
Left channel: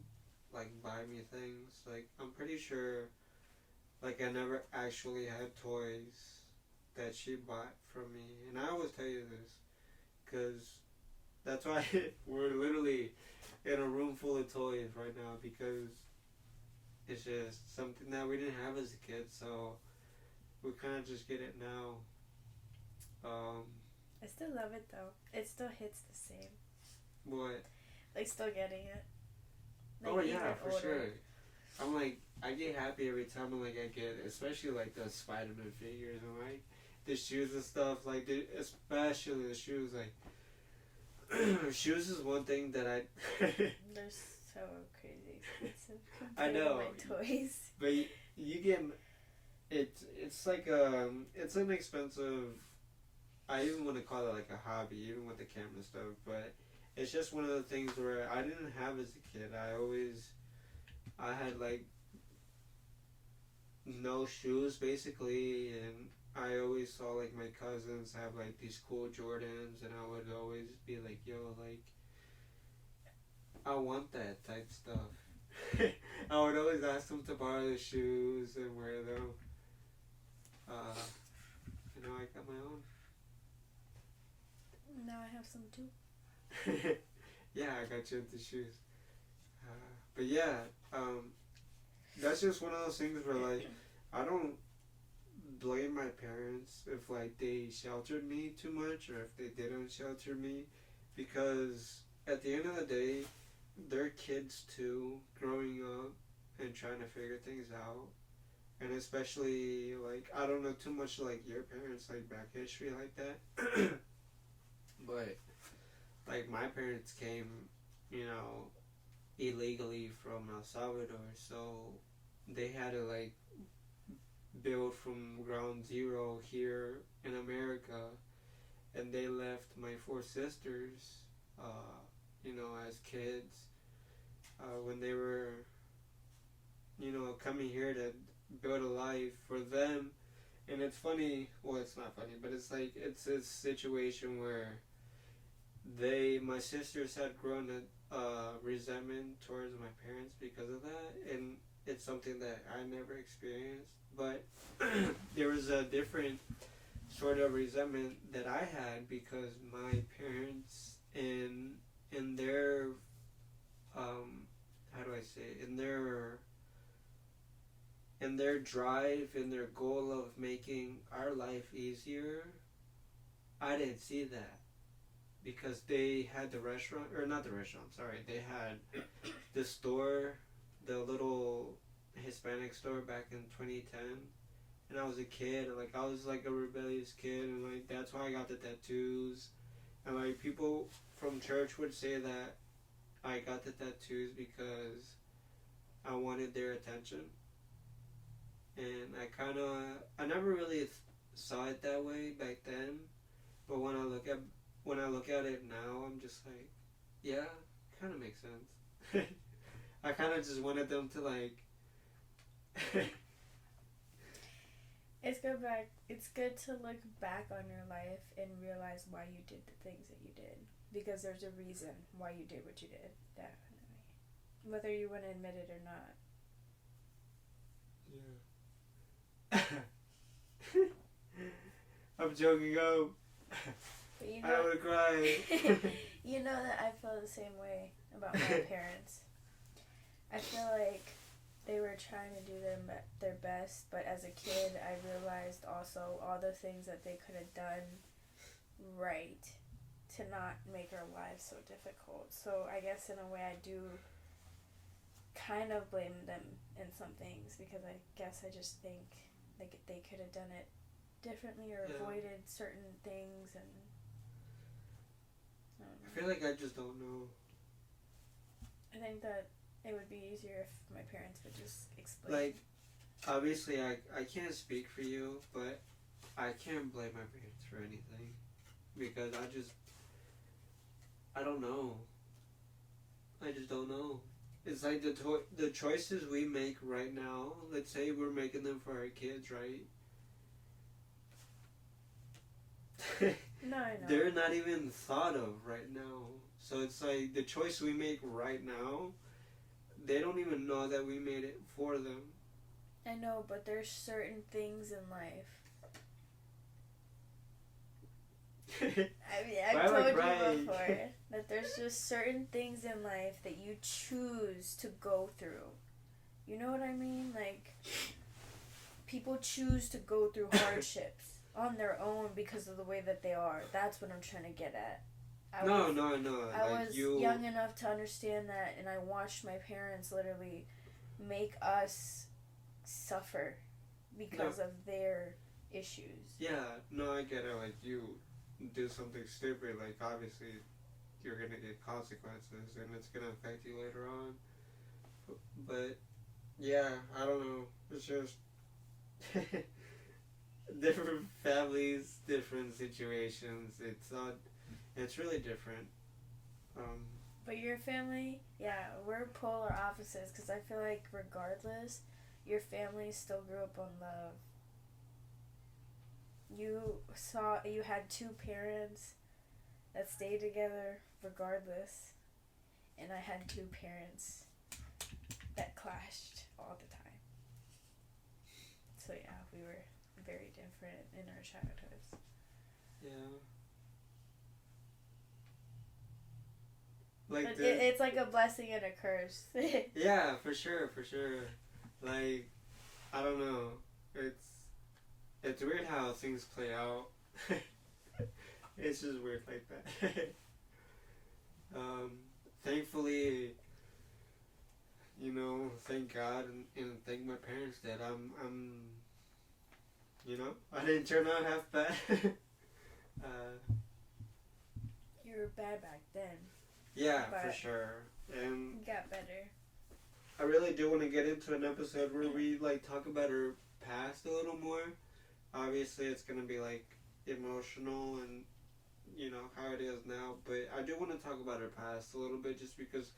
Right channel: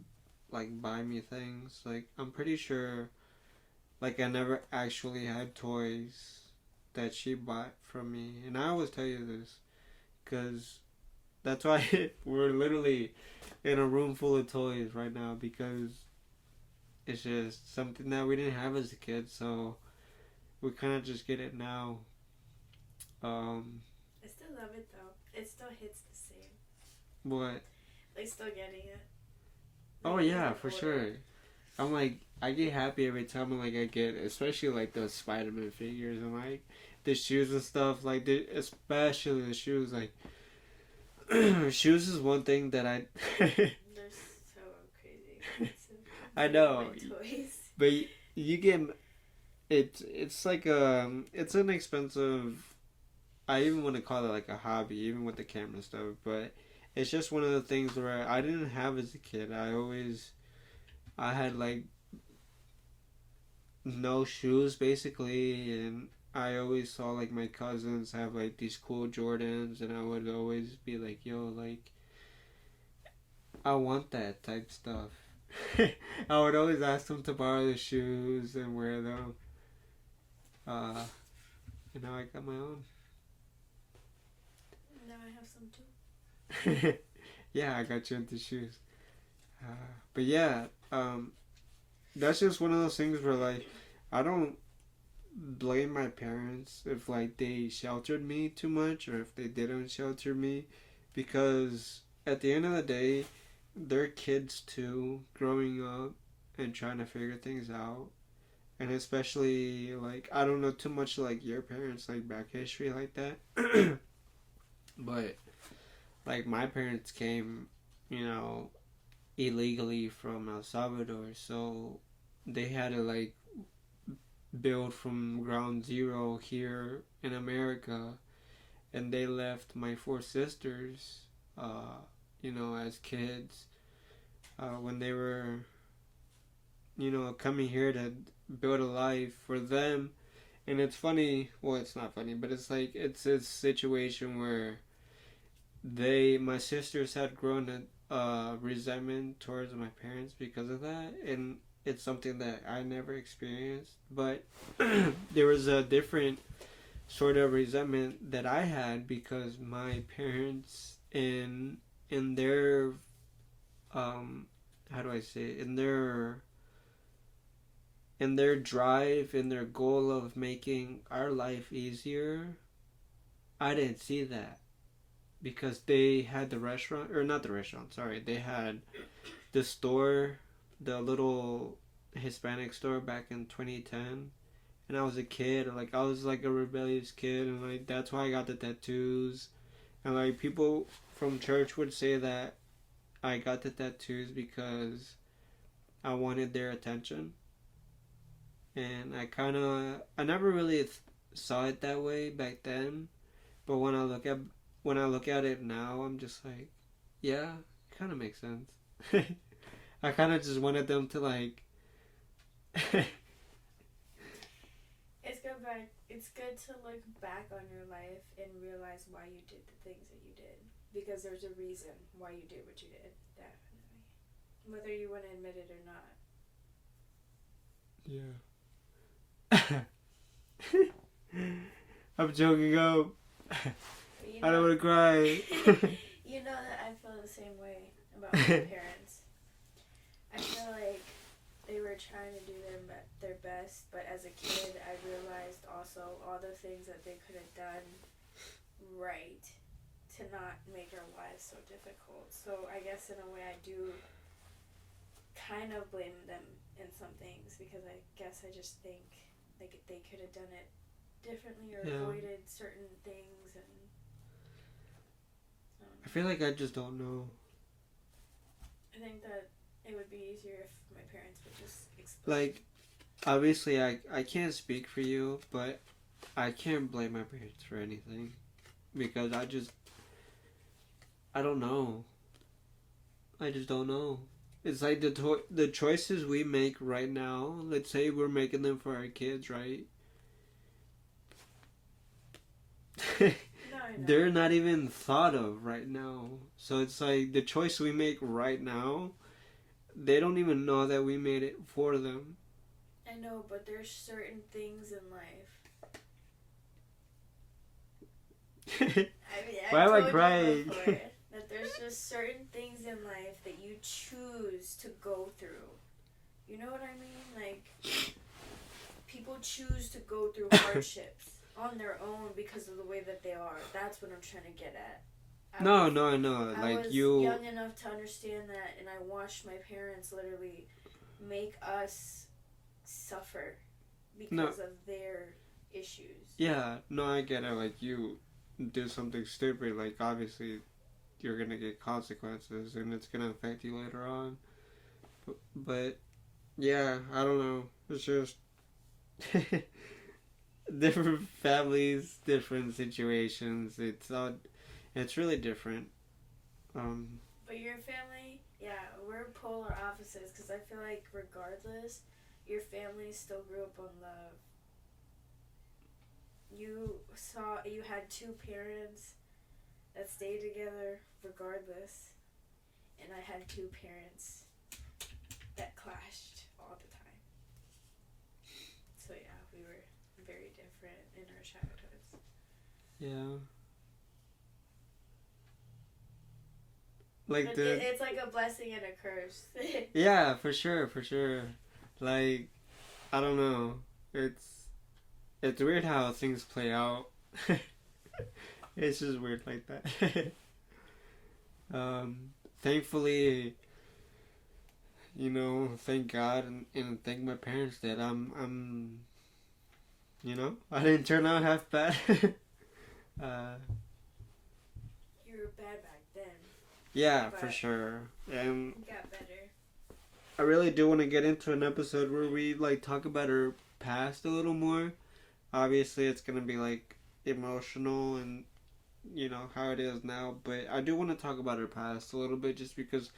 like, buy me things. Like, I'm pretty sure, like, I never actually had toys that she bought from me. And I always tell you this, because that's why we're literally in a room full of toys right now, because it's just something that we didn't have as a kid, so we kind of just get it now. I still love it though. It still hits the same. What? Like, still getting it. Like, oh yeah, for sure. I'm like, I get happy every time I get, especially like those Spider-Man figures and like the shoes and stuff. Like, especially the shoes. Like, shoes is one thing that I. They're so crazy expensive. I know. Toys. But you get it's like it's an expensive. I even want to call it like a hobby, even with the camera stuff. But it's just one of the things where I didn't have as a kid. I had like no shoes basically, and I always saw like my cousins have like these cool Jordans, and I would always be like, yo, like, I want that type stuff. I would always ask them to borrow the shoes and wear them. And now I got my own. Now I have some too. Yeah, I got you into shoes. But yeah, that's just one of those things where like I don't blame my parents if like they sheltered me too much or if they didn't shelter me, because at the end of the day they're kids too, growing up and trying to figure things out. And especially like I don't know too much like your parents, like back history like that. But like my parents came, you know, illegally from El Salvador, so they had to like build from ground zero here in America, and they left my 4 sisters, you know, as kids, when they were, you know, coming here to build a life for them. And it's funny, well, it's not funny, but it's like, it's a situation where my sisters had grown a resentment towards my parents because of that, and it's something that I never experienced, but there was a different sort of resentment that I had because my parents in their how do I say it? In their drive, in their goal of making our life easier, I didn't see that. Because they had the restaurant, or not the restaurant, sorry, they had the store, the little Hispanic store back in 2010, and I was a kid, and like I was like a rebellious kid, and like that's why I got the tattoos, and like people from church would say that I got the tattoos because I wanted their attention. And I never really saw it that way back then. But when I look at it now, I'm just like, yeah, it kind of makes sense. I kind of just wanted them to like. It's good to look back on your life and realize why you did the things that you did, because there's a reason why you did what you did. Definitely, whether you want to admit it or not. Yeah. I'm joking up. I don't want to cry. You know that I feel the same way about my parents. I feel like they were trying to do their best, but as a kid, I realized also all the things that they could have done right to not make our lives so difficult. So I guess in a way I do kind of blame them in some things, because I guess I just think like they could have done it differently or avoided certain things, and I feel like I just don't know. I think that it would be easier if my parents would just explain. Like, obviously I can't speak for you, but I can't blame my parents for anything, because I don't know. I just don't know. It's like the choices we make right now, let's say we're making them for our kids, right? No, I know. They're not even thought of right now. So it's like the choice we make right now, they don't even know that we made it for them. I know, but there's certain things in life. I mean, Why am I told you crying? before that there's just certain things in life that you choose to go through. You know what I mean? Like, people choose to go through hardships on their own because of the way that they are. That's what I'm trying to get at. I was young enough to understand that, and I watched my parents literally make us suffer because of their issues. Yeah, no, I get it. Like, you do something stupid, like, obviously you're gonna get consequences and it's gonna affect you later on. But yeah, I don't know. It's just different families, different situations. It's really different. But your family, yeah, we're polar opposites, because I feel like regardless, your family still grew up on love. You had two parents that stayed together regardless, and I had two parents that clashed all the time. So yeah, we were very different in our childhoods. Yeah. Like it's like a blessing and a curse. Yeah, for sure. Like, I don't know. It's weird how things play out. It's just weird like that. Thankfully, thank God and thank my parents that I'm I didn't turn out half bad. You were bad back then. Yeah, for sure. And you got better. I really do want to get into an episode where we like talk about our past a little more. Obviously, it's gonna be like emotional and how it is now, but I do want to talk about our past a little bit, just because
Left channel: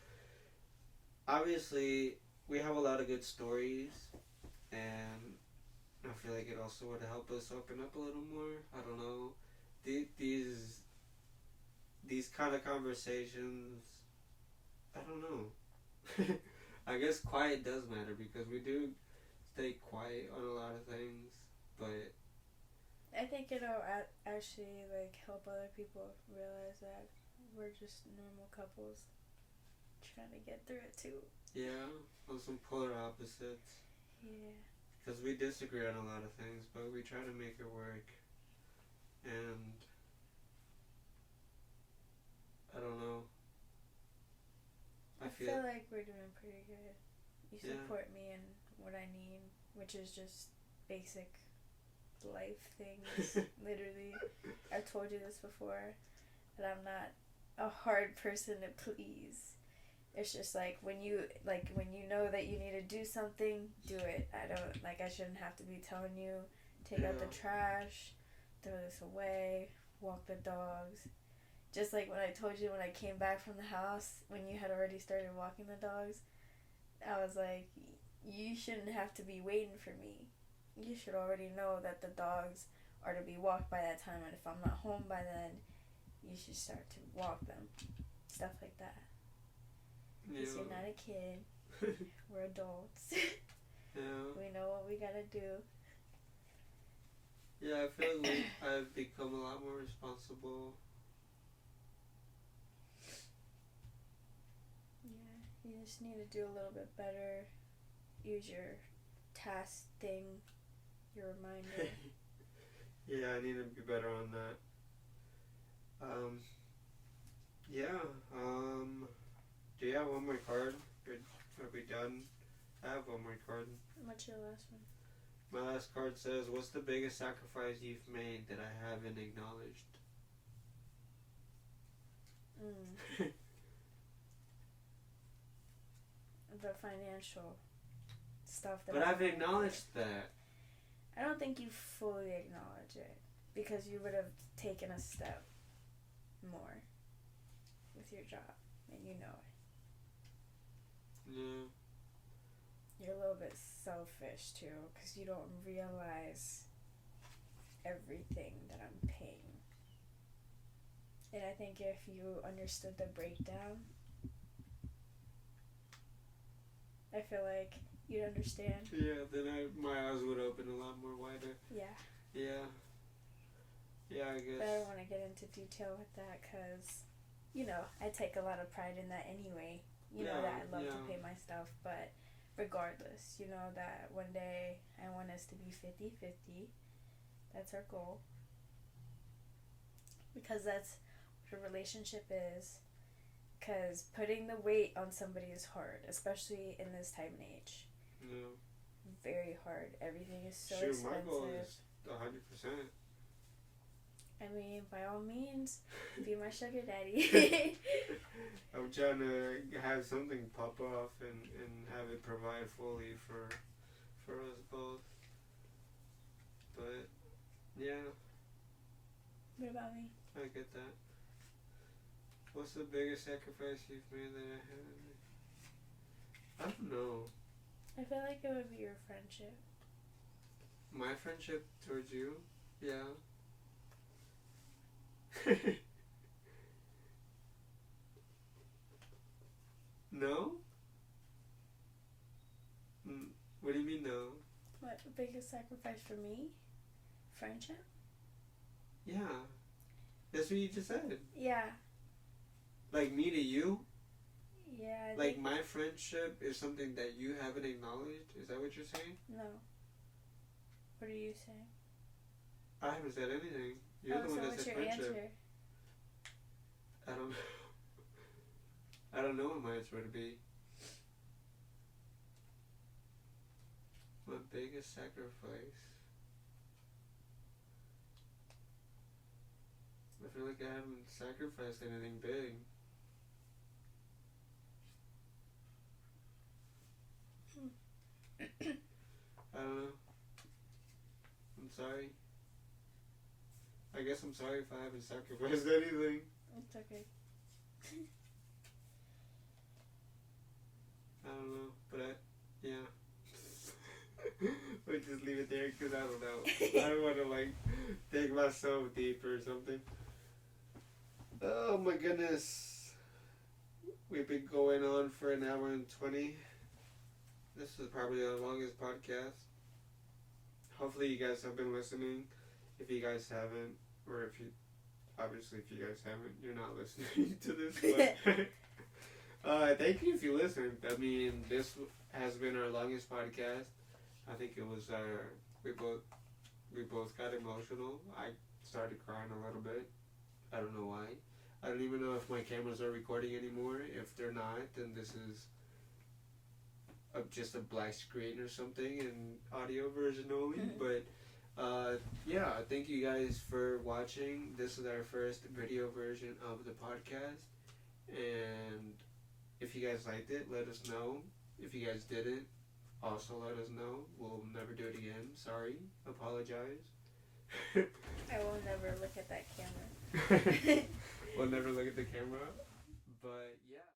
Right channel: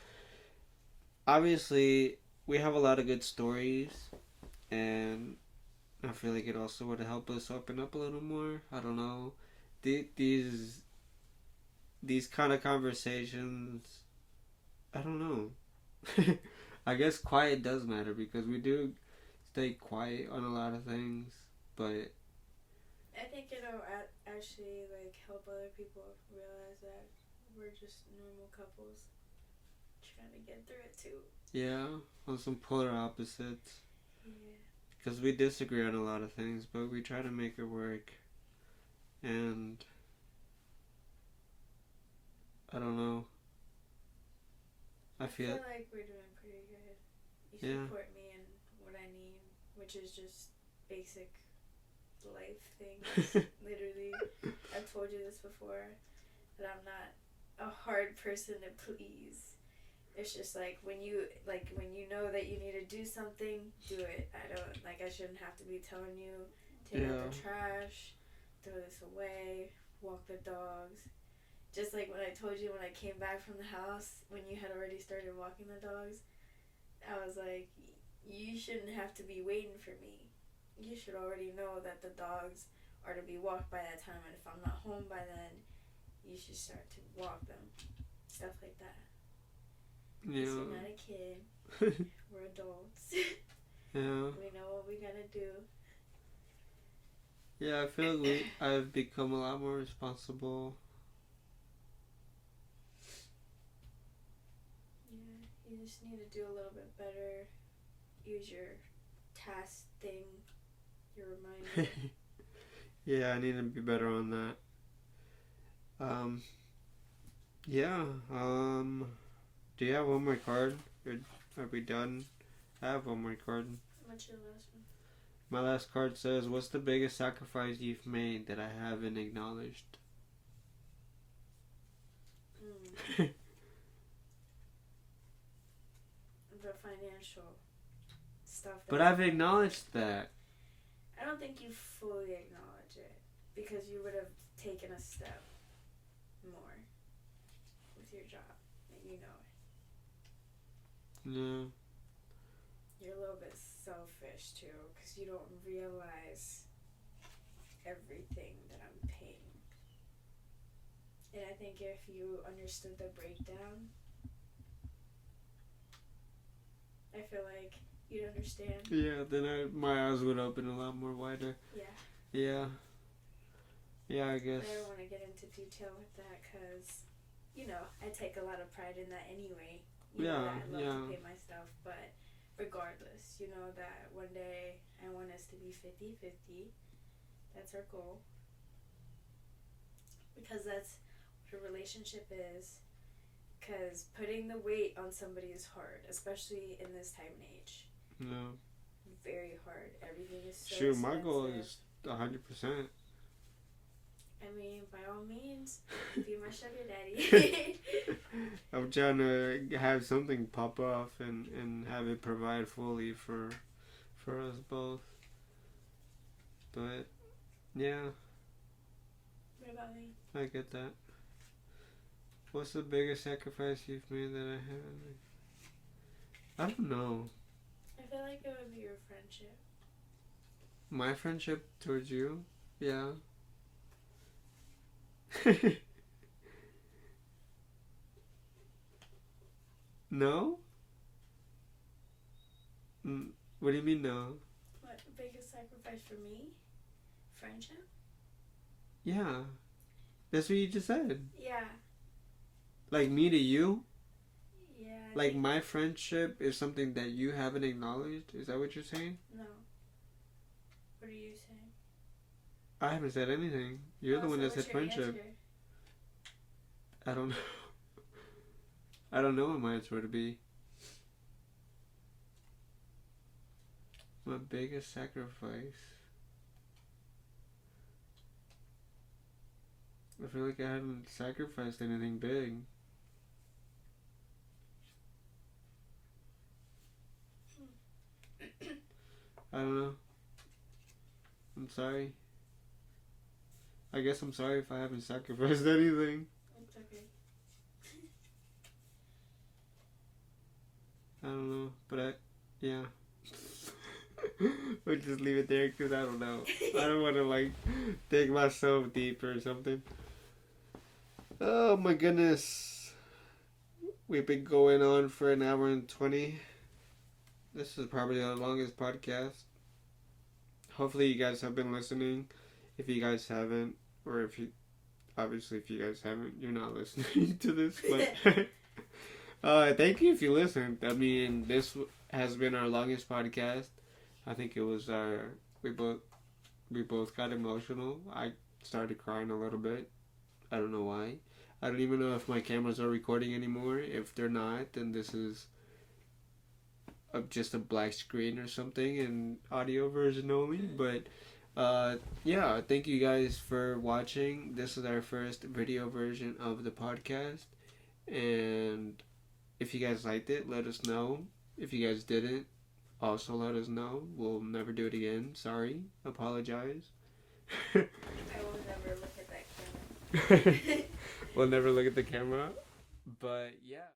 obviously we have a lot of good stories, and I feel like it also would help us open up a little more. I don't know. These kind of conversations, I don't know. I guess quiet does matter, because we do stay quiet on a lot of things, but I think it'll actually like help other people realize that we're just normal couples trying to get through it too. Yeah, on some polar opposites. Yeah. Because we disagree on a lot of things, but we try to make it work. And I don't know. I feel like we're doing pretty good. You support me in what I need, which is just basic life things. Literally, I've told you this before, that I'm not a hard person to please. It's just like when you know that you need to do something, do it. I shouldn't have to be telling you, take out the trash, throw this away, walk the dogs. Just like when I told you when I came back from the house, when you had already started walking the dogs, I was like, you shouldn't have to be waiting for me. You should already know that the dogs are to be walked by that time, and if I'm not home by then, you should start to walk them. Stuff like that. Yeah. You're not a kid. We're adults. Yeah. We know what we gotta do. Yeah, I feel like I've become a lot more responsible. Yeah, you just need to do a little bit better. Use your task thing, your reminder. Yeah, I need to be better on that. Yeah, do you have one more card? Are we done? I have one more card. What's your last one? My last card says, what's the biggest sacrifice you've made that I haven't acknowledged? The financial stuff. But I've acknowledged that. I don't think you fully acknowledge it because you would have taken a step more with your job, and you know it. Yeah. You're a little bit selfish too because you don't realize everything that I'm paying. And I think if you understood the breakdown, I feel like you'd understand. Yeah, then my eyes would open a lot more wider. Yeah. Yeah. Yeah, I guess. But I don't want to get into detail with that because, I take a lot of pride in that anyway. That I love to pay my stuff. But regardless, that one day I want us to be 50-50. That's our goal. Because that's what a relationship is. Because putting the weight on somebody is hard, especially in this time and age. No. Very hard. Everything is so expensive. My goal is 100%. I mean, by all means, be my sugar daddy. I'm trying to have something pop off and have it provide fully for us both. But, yeah. What about me? I get that. What's the biggest sacrifice you've made that I haven't? I don't know. I feel like it would be your friendship. My friendship towards you? Yeah. No? What do you mean no? What, the biggest sacrifice for me? Friendship? Yeah. That's what you just said. Yeah. Like me to you? Yeah. Like my friendship is something that you haven't acknowledged? Is that what you're saying? No. What are you saying? I haven't said anything. You're the one that said friendship. Answer? I don't know. I don't know what my answer would be. My biggest sacrifice. I feel like I haven't sacrificed anything big. I don't know. I'm sorry. I guess I'm sorry if I haven't sacrificed anything. It's okay. I don't know, but yeah. We'll just leave it there because I don't know. I don't want to dig myself deep or something. Oh my goodness. We've been going on for an hour and 20. This is probably the longest podcast. Hopefully you guys have been listening. If you guys haven't, or if you guys haven't, you're not listening to this. But thank you if you listened. I mean, this has been our longest podcast. I think it was we both got emotional. I started crying a little bit. I don't know why. I don't even know if my cameras are recording anymore. If they're not, then this is just a black screen or something and audio version only. But yeah, thank you guys for watching. This is our first video version of the podcast, and If you guys liked it, let us know. If you guys didn't, also let us know. We'll never do it again. Sorry. Apologize. I will never look at that camera. We'll never look at the camera. But yeah.